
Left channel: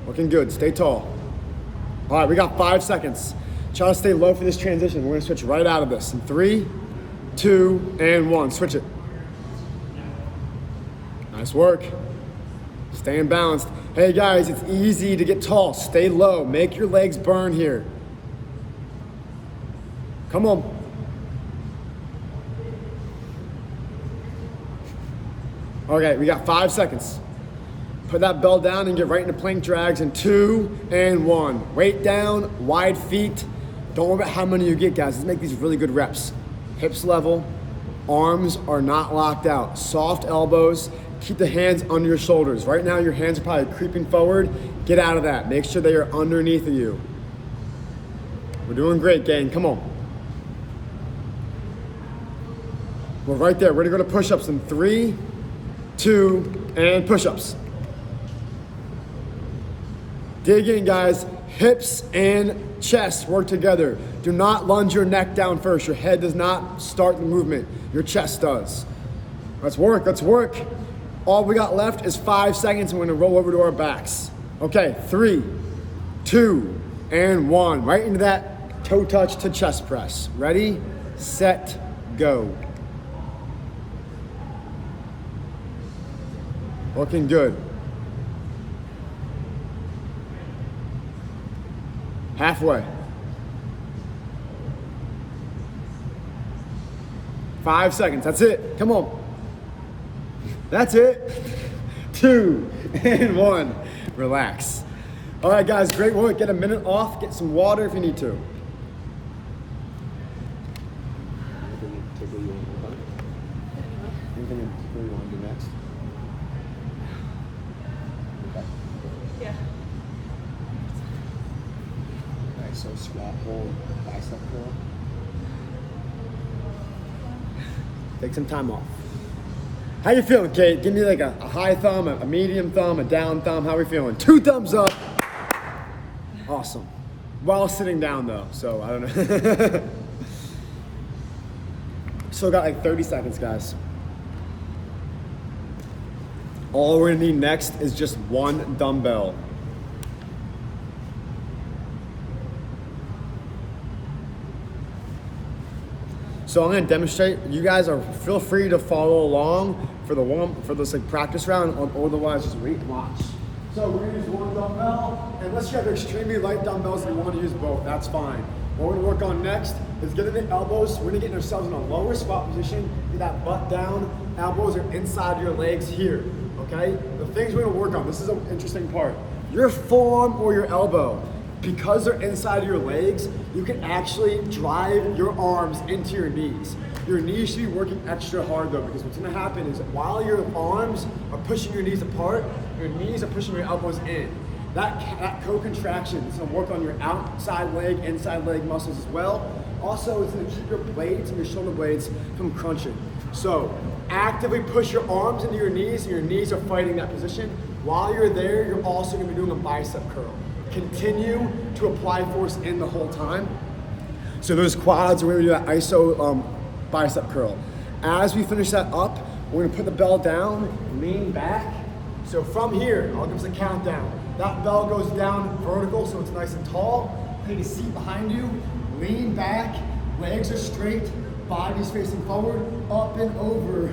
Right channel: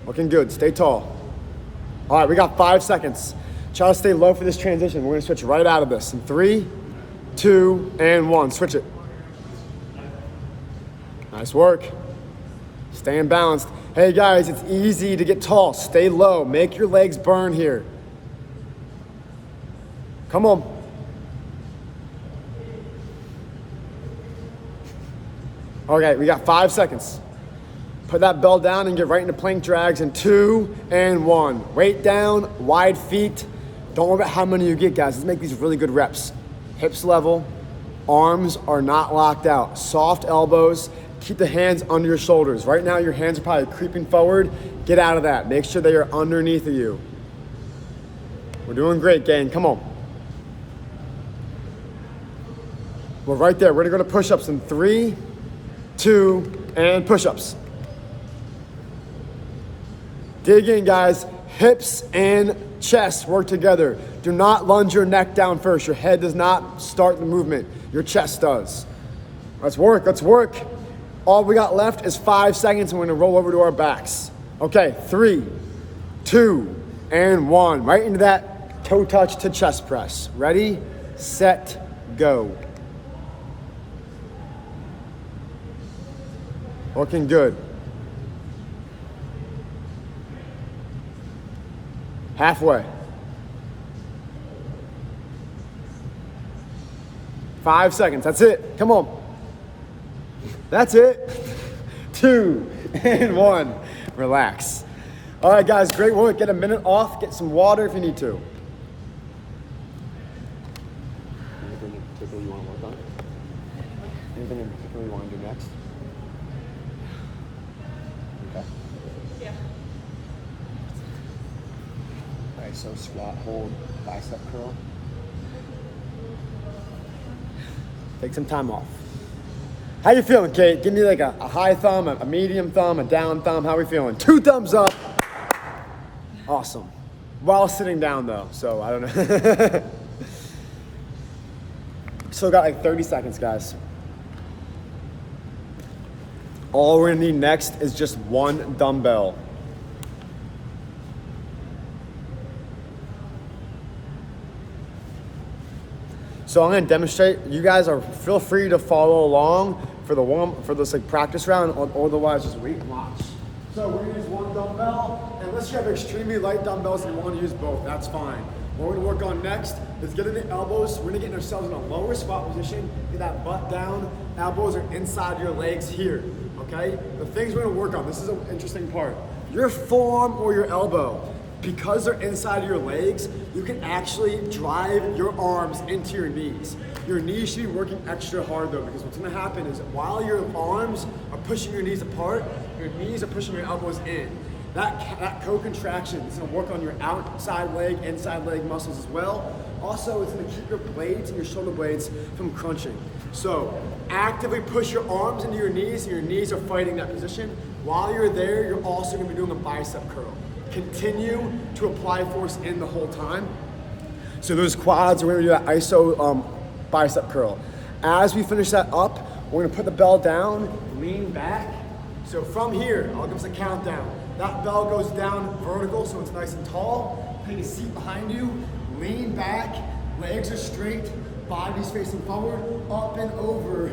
Looking good, stay tall. All right, we got 5 seconds. Try to stay low for this transition. We're gonna switch right out of this. In 3, 2, and 1, switch it. Nice work. Staying balanced. Hey guys, it's easy to get tall. Stay low, make your legs burn here. Come on. Okay, we got 5 seconds. Put that bell down and get right into plank drags in 2 and 1. Weight down, wide feet. Don't worry about how many you get, guys. Let's make these really good reps. Hips level, arms are not locked out. Soft elbows, keep the hands under your shoulders. Right now your hands are probably creeping forward. Get out of that. Make sure they are underneath of you. We're doing great, gang. Come on. We're right there. We're gonna go to push-ups in 3, 2, and push-ups. Dig in, guys. Hips and chest work together. Do not lunge your neck down first. Your head does not start the movement. Your chest does. Let's work, let's work. All we got left is 5 seconds and we're gonna roll over to our backs. Okay, 3, 2, and 1. Right into that toe touch to chest press. Ready, set, go. Looking good. Halfway. 5 seconds, that's it, come on. That's it. 2 and 1, relax. All right guys, great work. Get a minute off, get some water if you need to. Anything you want to work on? Anything you want to do next? Okay. Yeah. Right, so squat, hold, bicep curl. Take some time off. How you feeling, Kate? Give me like a high thumb, a medium thumb, a down thumb. How we feeling? 2 thumbs up. Awesome. While sitting down though, so I don't know. Still got like 30 seconds, guys. All we're gonna need next is just 1 dumbbell. So I'm gonna demonstrate. You guys feel free to follow along for this like practice round, or otherwise just wait and watch. So we're gonna use 1 dumbbell, and unless you have extremely light dumbbells and you want to use both, that's fine. What we're gonna work on next is getting the elbows. We're gonna get ourselves in a lower squat position, get that butt down, elbows are inside your legs here, okay? The things we're gonna work on, this is an interesting part. Your forearm or your elbow, because they're inside your legs, you can actually drive your arms into your knees. Your knees should be working extra hard though, because what's gonna happen is while your arms are pushing your knees apart, your knees are pushing your elbows in. That co-contraction is gonna work on your outside leg, inside leg muscles as well. Also, it's gonna keep your blades and your shoulder blades from crunching. So, actively push your arms into your knees, and your knees are fighting that position. While you're there, you're also gonna be doing a bicep curl. Continue to apply force in the whole time. So those quads, we're gonna do that iso bicep curl. As we finish that up, we're gonna put the bell down, lean back. So from here, I'll give us a countdown. That bell goes down vertical, so it's nice and tall. Take a seat behind you, lean back, legs are straight, body's facing forward, up and over,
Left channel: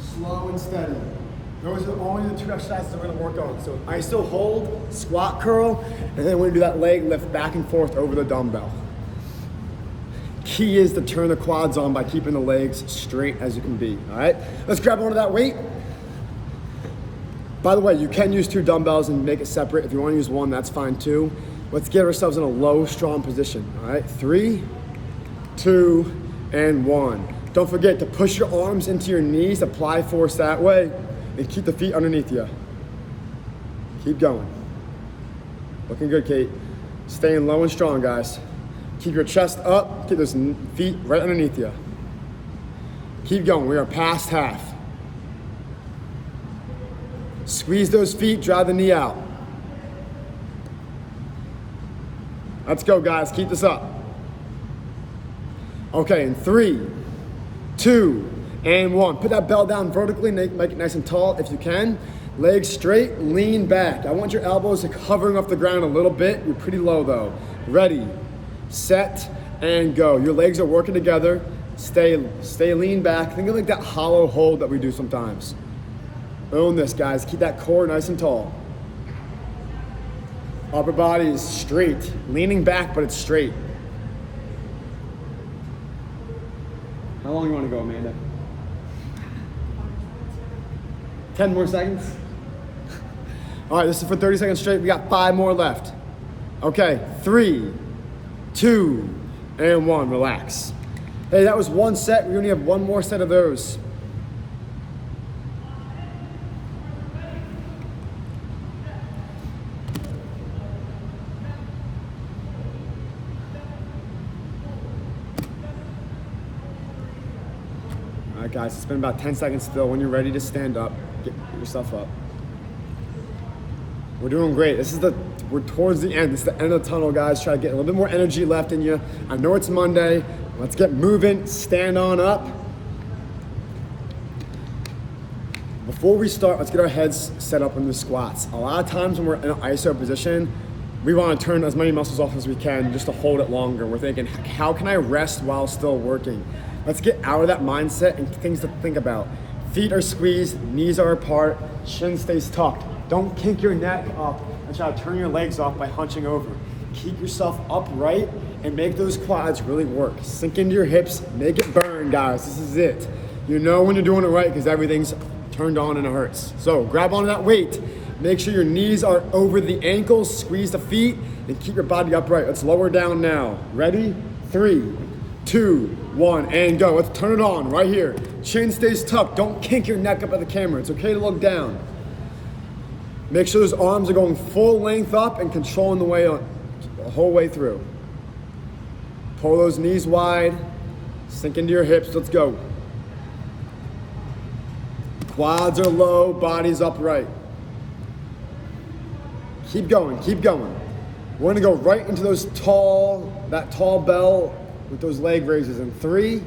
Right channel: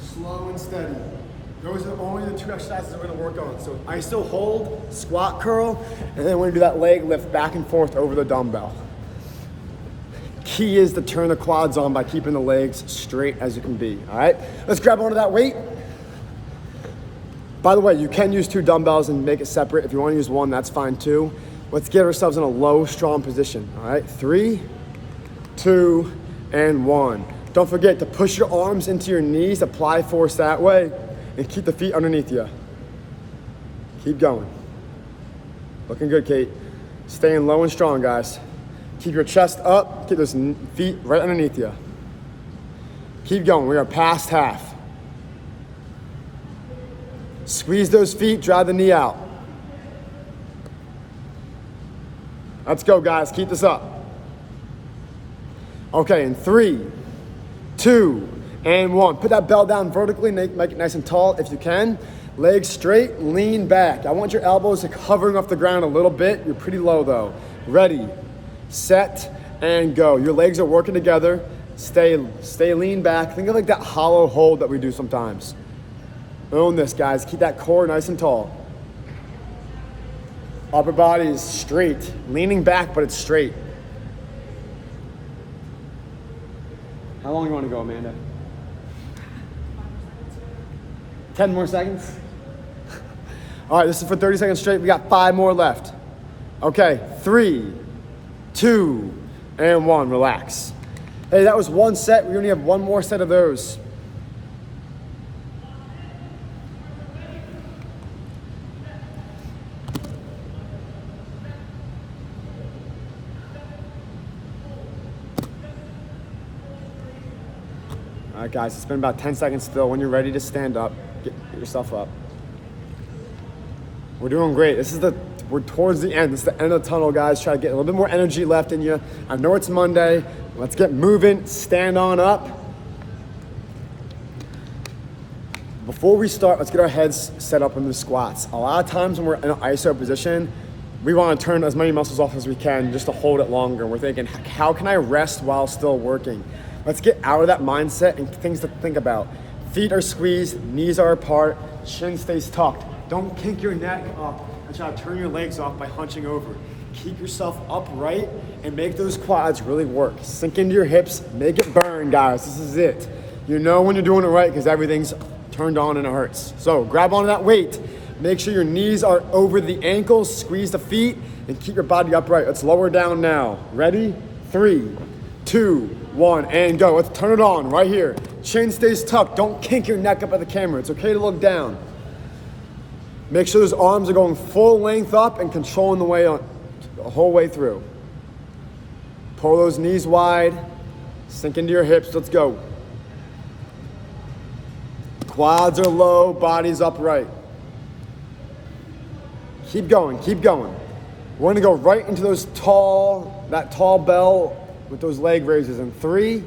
slow and steady. Those are only the 2 exercises we're gonna work on. So iso hold, squat curl, and then we're gonna do that leg lift back and forth over the dumbbell. Key is to turn the quads on by keeping the legs straight as you can be, all right? Let's grab onto that weight. By the way, you can use 2 dumbbells and make it separate. If you wanna use 1, that's fine too. Let's get ourselves in a low, strong position, all right? 3, 2, and 1. Don't forget to push your arms into your knees, apply force that way, and keep the feet underneath you. Keep going. Looking good, Kate. Staying low and strong, guys. Keep your chest up, keep those feet right underneath you. Keep going, we are past half. Squeeze those feet, drive the knee out. Let's go, guys, keep this up. Okay, in 3, 2, and 1. Put that bell down vertically, make it nice and tall if you can. Legs straight, lean back. I want your elbows hovering off the ground a little bit. You're pretty low though. Ready, set, and go. Your legs are working together. Stay lean back. Think of like that hollow hold that we do sometimes. Own this, guys. Keep that core nice and tall. Upper body is straight. Leaning back, but it's straight. How long you want to go, Amanda? 10 more seconds? All right, this is for 30 seconds straight. We got 5 more left. Okay, 3, 2, and 1. Relax. Hey, that was 1 set. We only have 1 more set of those. All right, guys, it's been about 10 seconds still. When you're ready to stand up, get yourself up. We're doing great. We're towards the end. This is the end of the tunnel, guys. Try to get a little bit more energy left in you. I know it's Monday. Let's get moving. Stand on up. Before we start, let's get our heads set up in the squats. A lot of times when we're in an iso position, we want to turn as many muscles off as we can just to hold it longer. We're thinking, how can I rest while still working? Let's get out of that mindset and things to think about. Feet are squeezed, knees are apart, chin stays tucked. Don't kink your neck up and try to turn your legs off by hunching over. Keep yourself upright and make those quads really work. Sink into your hips, make it burn, guys. This is it. You know when you're doing it right because everything's turned on and it hurts. So grab onto that weight. Make sure your knees are over the ankles, squeeze the feet, and keep your body upright. Let's lower down now. Ready? 3, 2, 1, and go. Let's turn it on right here. Chin stays tucked. Don't kink your neck up at the camera. It's okay to look down. Make sure those arms are going full length up and controlling the way on the whole way through. Pull those knees wide. Sink into your hips. Let's go. Quads are low, body's upright. Keep going, keep going. We're gonna go right into that tall bell with those leg raises in 3,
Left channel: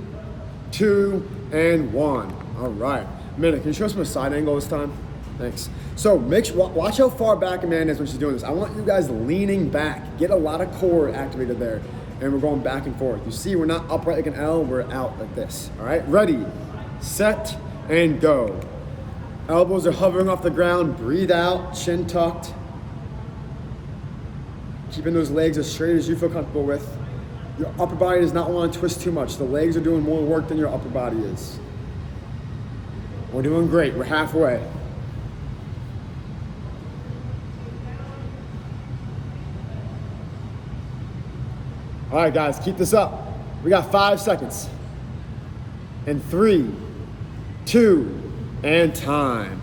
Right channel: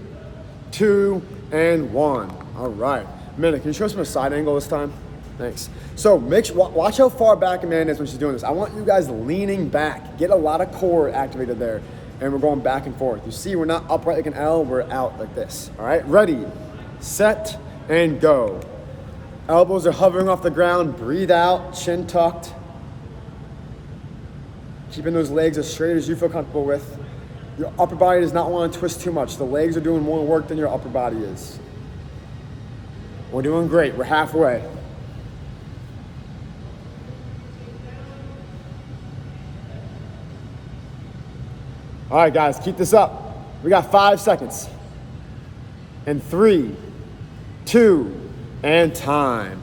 2, and 1. All right. Amanda, can you show us from a side angle this time? Thanks. So watch how far back Amanda is when she's doing this. I want you guys leaning back. Get a lot of core activated there. And we're going back and forth. You see, we're not upright like an L, we're out like this. All right, ready, set, and go. Elbows are hovering off the ground. Breathe out, chin tucked. Keeping those legs as straight as you feel comfortable with. Your upper body does not want to twist too much. The legs are doing more work than your upper body is. We're doing great, we're halfway. All right, guys, keep this up. We got 5 seconds. And 3, 2, and time.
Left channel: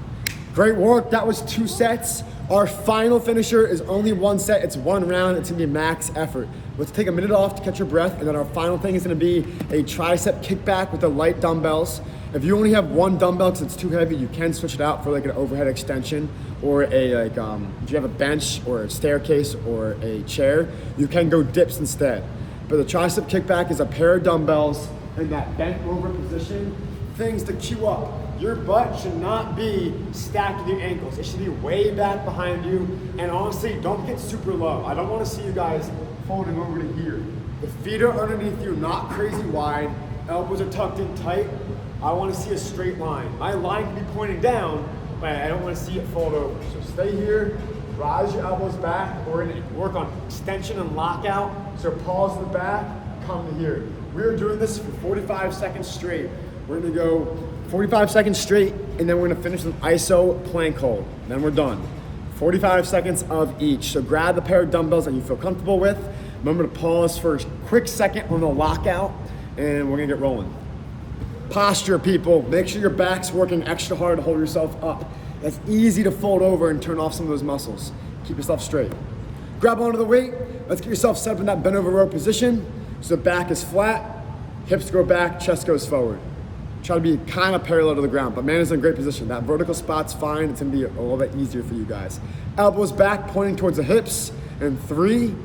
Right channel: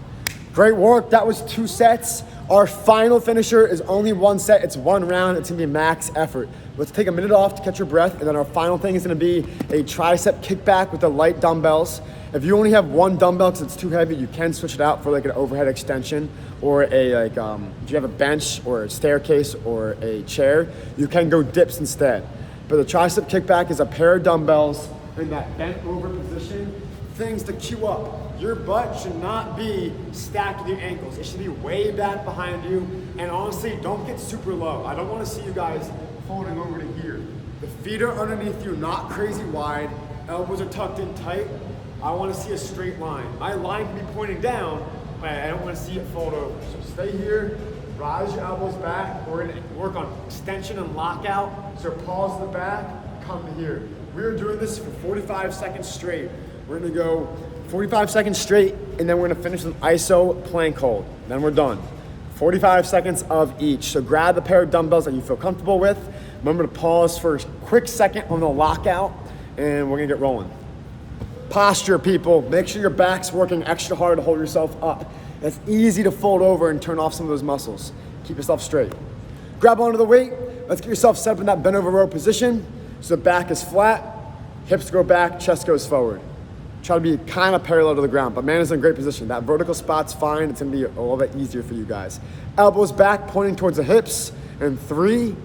Great work, that was 2 sets. Our final finisher is only 1 set. It's 1 round, it's gonna be max effort. Let's take a minute off to catch your breath, and then our final thing is gonna be a tricep kickback with the light dumbbells. If you only have 1 dumbbell because it's too heavy, you can switch it out for like an overhead extension or if you have a bench or a staircase or a chair, you can go dips instead. But the tricep kickback is a pair of dumbbells in that bent over position. Things to cue up. Your butt should not be stacked with your ankles. It should be way back behind you. And honestly, don't get super low. I don't want to see you guys folding over to here. The feet are underneath you, not crazy wide. Elbows are tucked in tight. I want to see a straight line. My line can be pointing down, but Man, I don't want to see it fold over. So stay here, rise your elbows back. We're gonna work on extension and lockout. So pause the back, come to here. We're doing this for 45 seconds straight. We're gonna go 45 seconds straight, and then we're gonna finish with ISO plank hold. Then we're done. 45 seconds of each. So grab a pair of dumbbells that you feel comfortable with. Remember to pause for a quick second on the lockout, and we're gonna get rolling. Posture, people. Make sure your back's working extra hard to hold yourself up. It's easy to fold over and turn off some of those muscles. Keep yourself straight. Grab onto the weight. Let's get yourself set up in that bent over row position. So the back is flat, hips go back, chest goes forward. Try to be kind of parallel to the ground, but man is in a great position. That vertical spot's fine. It's gonna be a little bit easier for you guys. Elbows back, pointing towards the hips. And 3,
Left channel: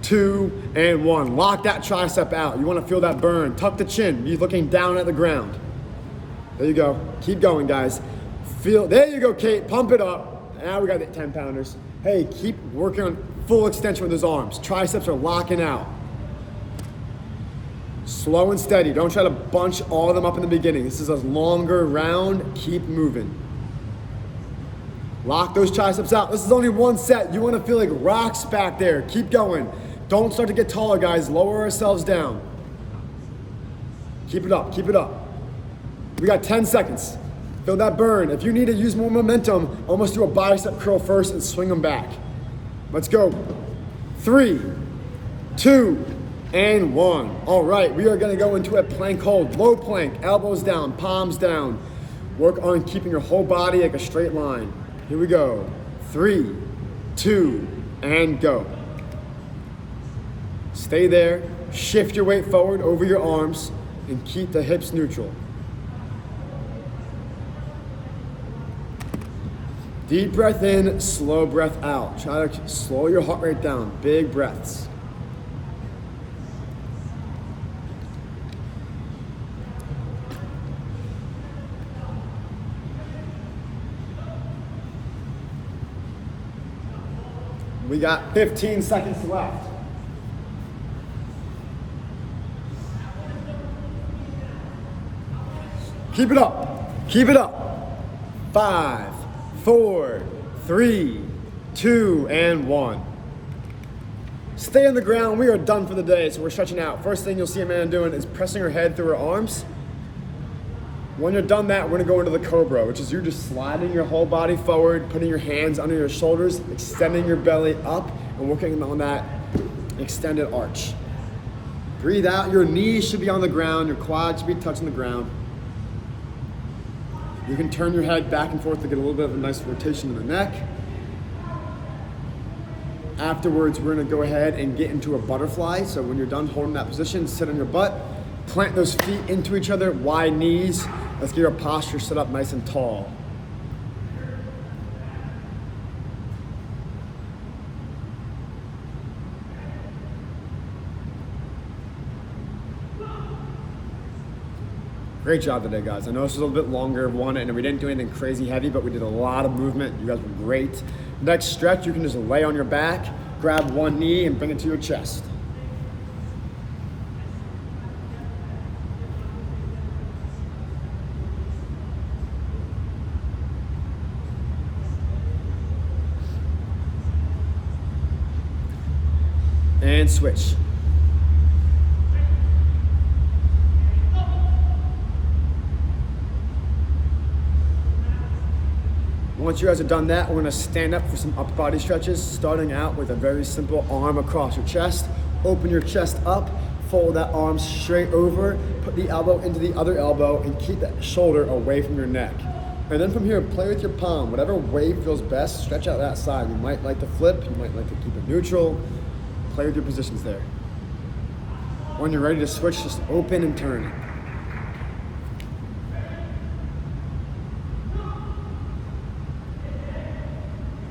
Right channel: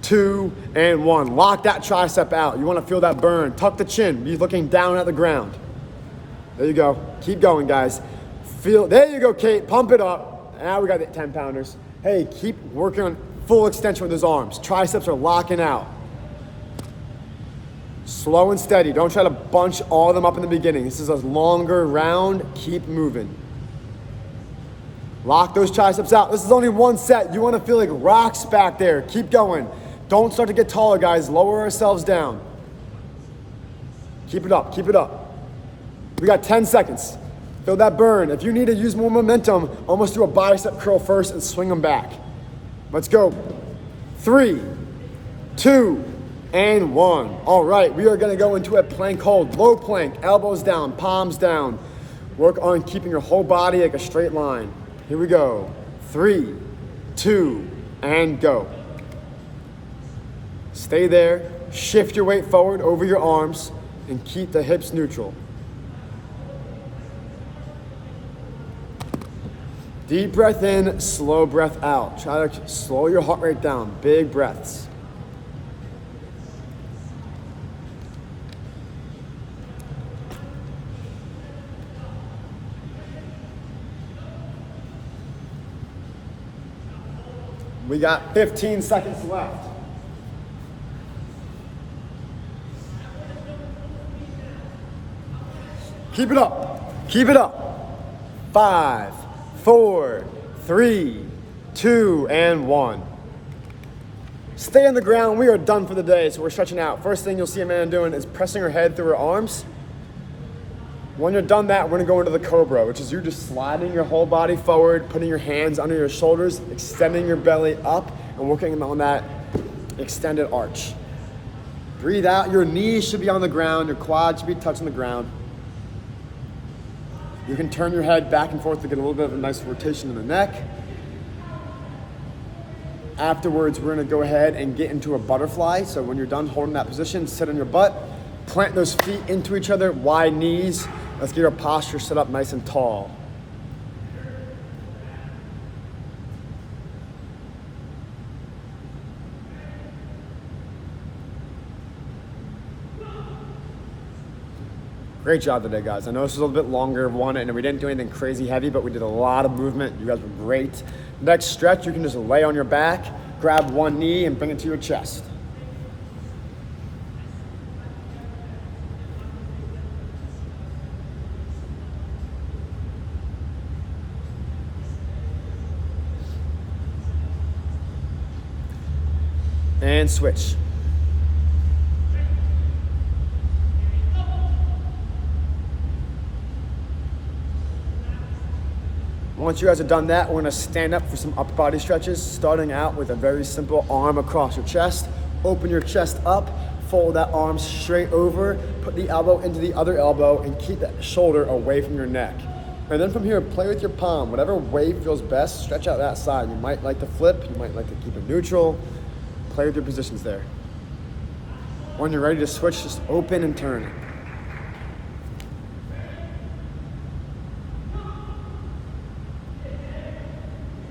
2, and 1. Lock that tricep out. You wanna feel that burn. Tuck the chin. You're looking down at the ground. There you go. Keep going, guys. There you go, Kate. Pump it up. Now we got the 10 pounders. Hey, keep working on full extension with those arms. Triceps are locking out. Slow and steady. Don't try to bunch all of them up in the beginning. This is a longer round. Keep moving. Lock those triceps out. This is only one set. You want to feel like rocks back there. Keep going. Don't start to get taller, guys. Lower ourselves down. Keep it up. Keep it up. We got 10 seconds. Feel that burn. If you need to use more momentum, almost do a bicep curl first and swing them back. Let's go. 3, 2, and 1. All right, we are gonna go into a plank hold. Low plank, elbows down, palms down. Work on keeping your whole body like a straight line. Here we go. 3, 2, and go. Stay there. Shift your weight forward over your arms and keep the hips neutral. Deep breath in, slow breath out. Try to slow your heart rate down. Big breaths. We got 15 seconds left. Keep it up. Keep it up. 5, 4, 3, 2, and 1. Stay on the ground. We are done for the day, so we're stretching out. First thing you'll see a man doing is pressing her head through her arms. When you're done that, we're gonna go into the Cobra, which is you just sliding your whole body forward, putting your hands under your shoulders, extending your belly up, and working on that extended arch. Breathe out. Your knees should be on the ground. Your quads should be touching the ground. You can turn your head back and forth to get a little bit of a nice rotation in the neck. Afterwards, we're gonna go ahead and get into a butterfly. So when you're done holding that position, sit on your butt, plant those feet into each other, wide knees. Let's get our posture set up nice and tall. Great job today, guys. I know this was a little bit longer of one, and we didn't do anything crazy heavy, but we did a lot of movement. You guys were great. Next stretch, you can just lay on your back, grab one knee, and bring it to your chest. And switch. Once you guys are done that, we're gonna stand up for some upper body stretches, starting out with a very simple arm across your chest. Open your chest up, fold that arm straight over, put the elbow into the other elbow, and keep that shoulder away from your neck. And then from here, play with your palm. Whatever way feels best, stretch out that side. You might like to flip, you might like to keep it neutral. Play with your positions there. When you're ready to switch, just open and turn it.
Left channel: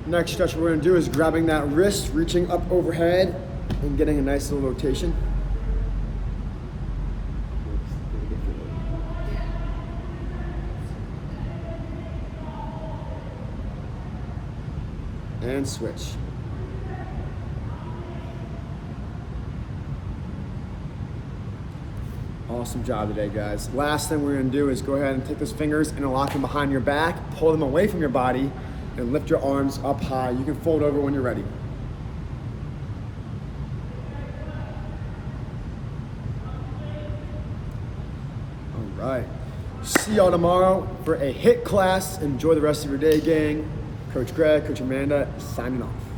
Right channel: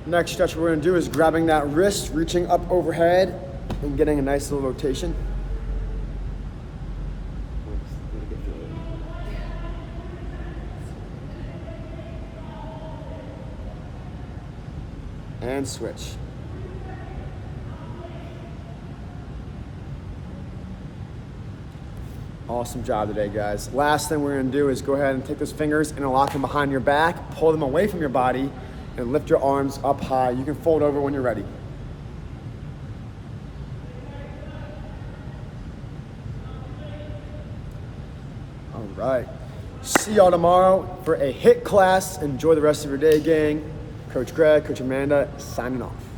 Next stretch we're gonna do is grabbing that wrist, reaching up overhead, and getting a nice little rotation. And switch. Awesome job today, guys. Last thing we're gonna do is go ahead and take those fingers and lock them behind your back, pull them away from your body, and lift your arms up high. You can fold over when you're ready. All right. See y'all tomorrow for a HIIT class. Enjoy the rest of your day, gang. Coach Greg, Coach Amanda, signing off.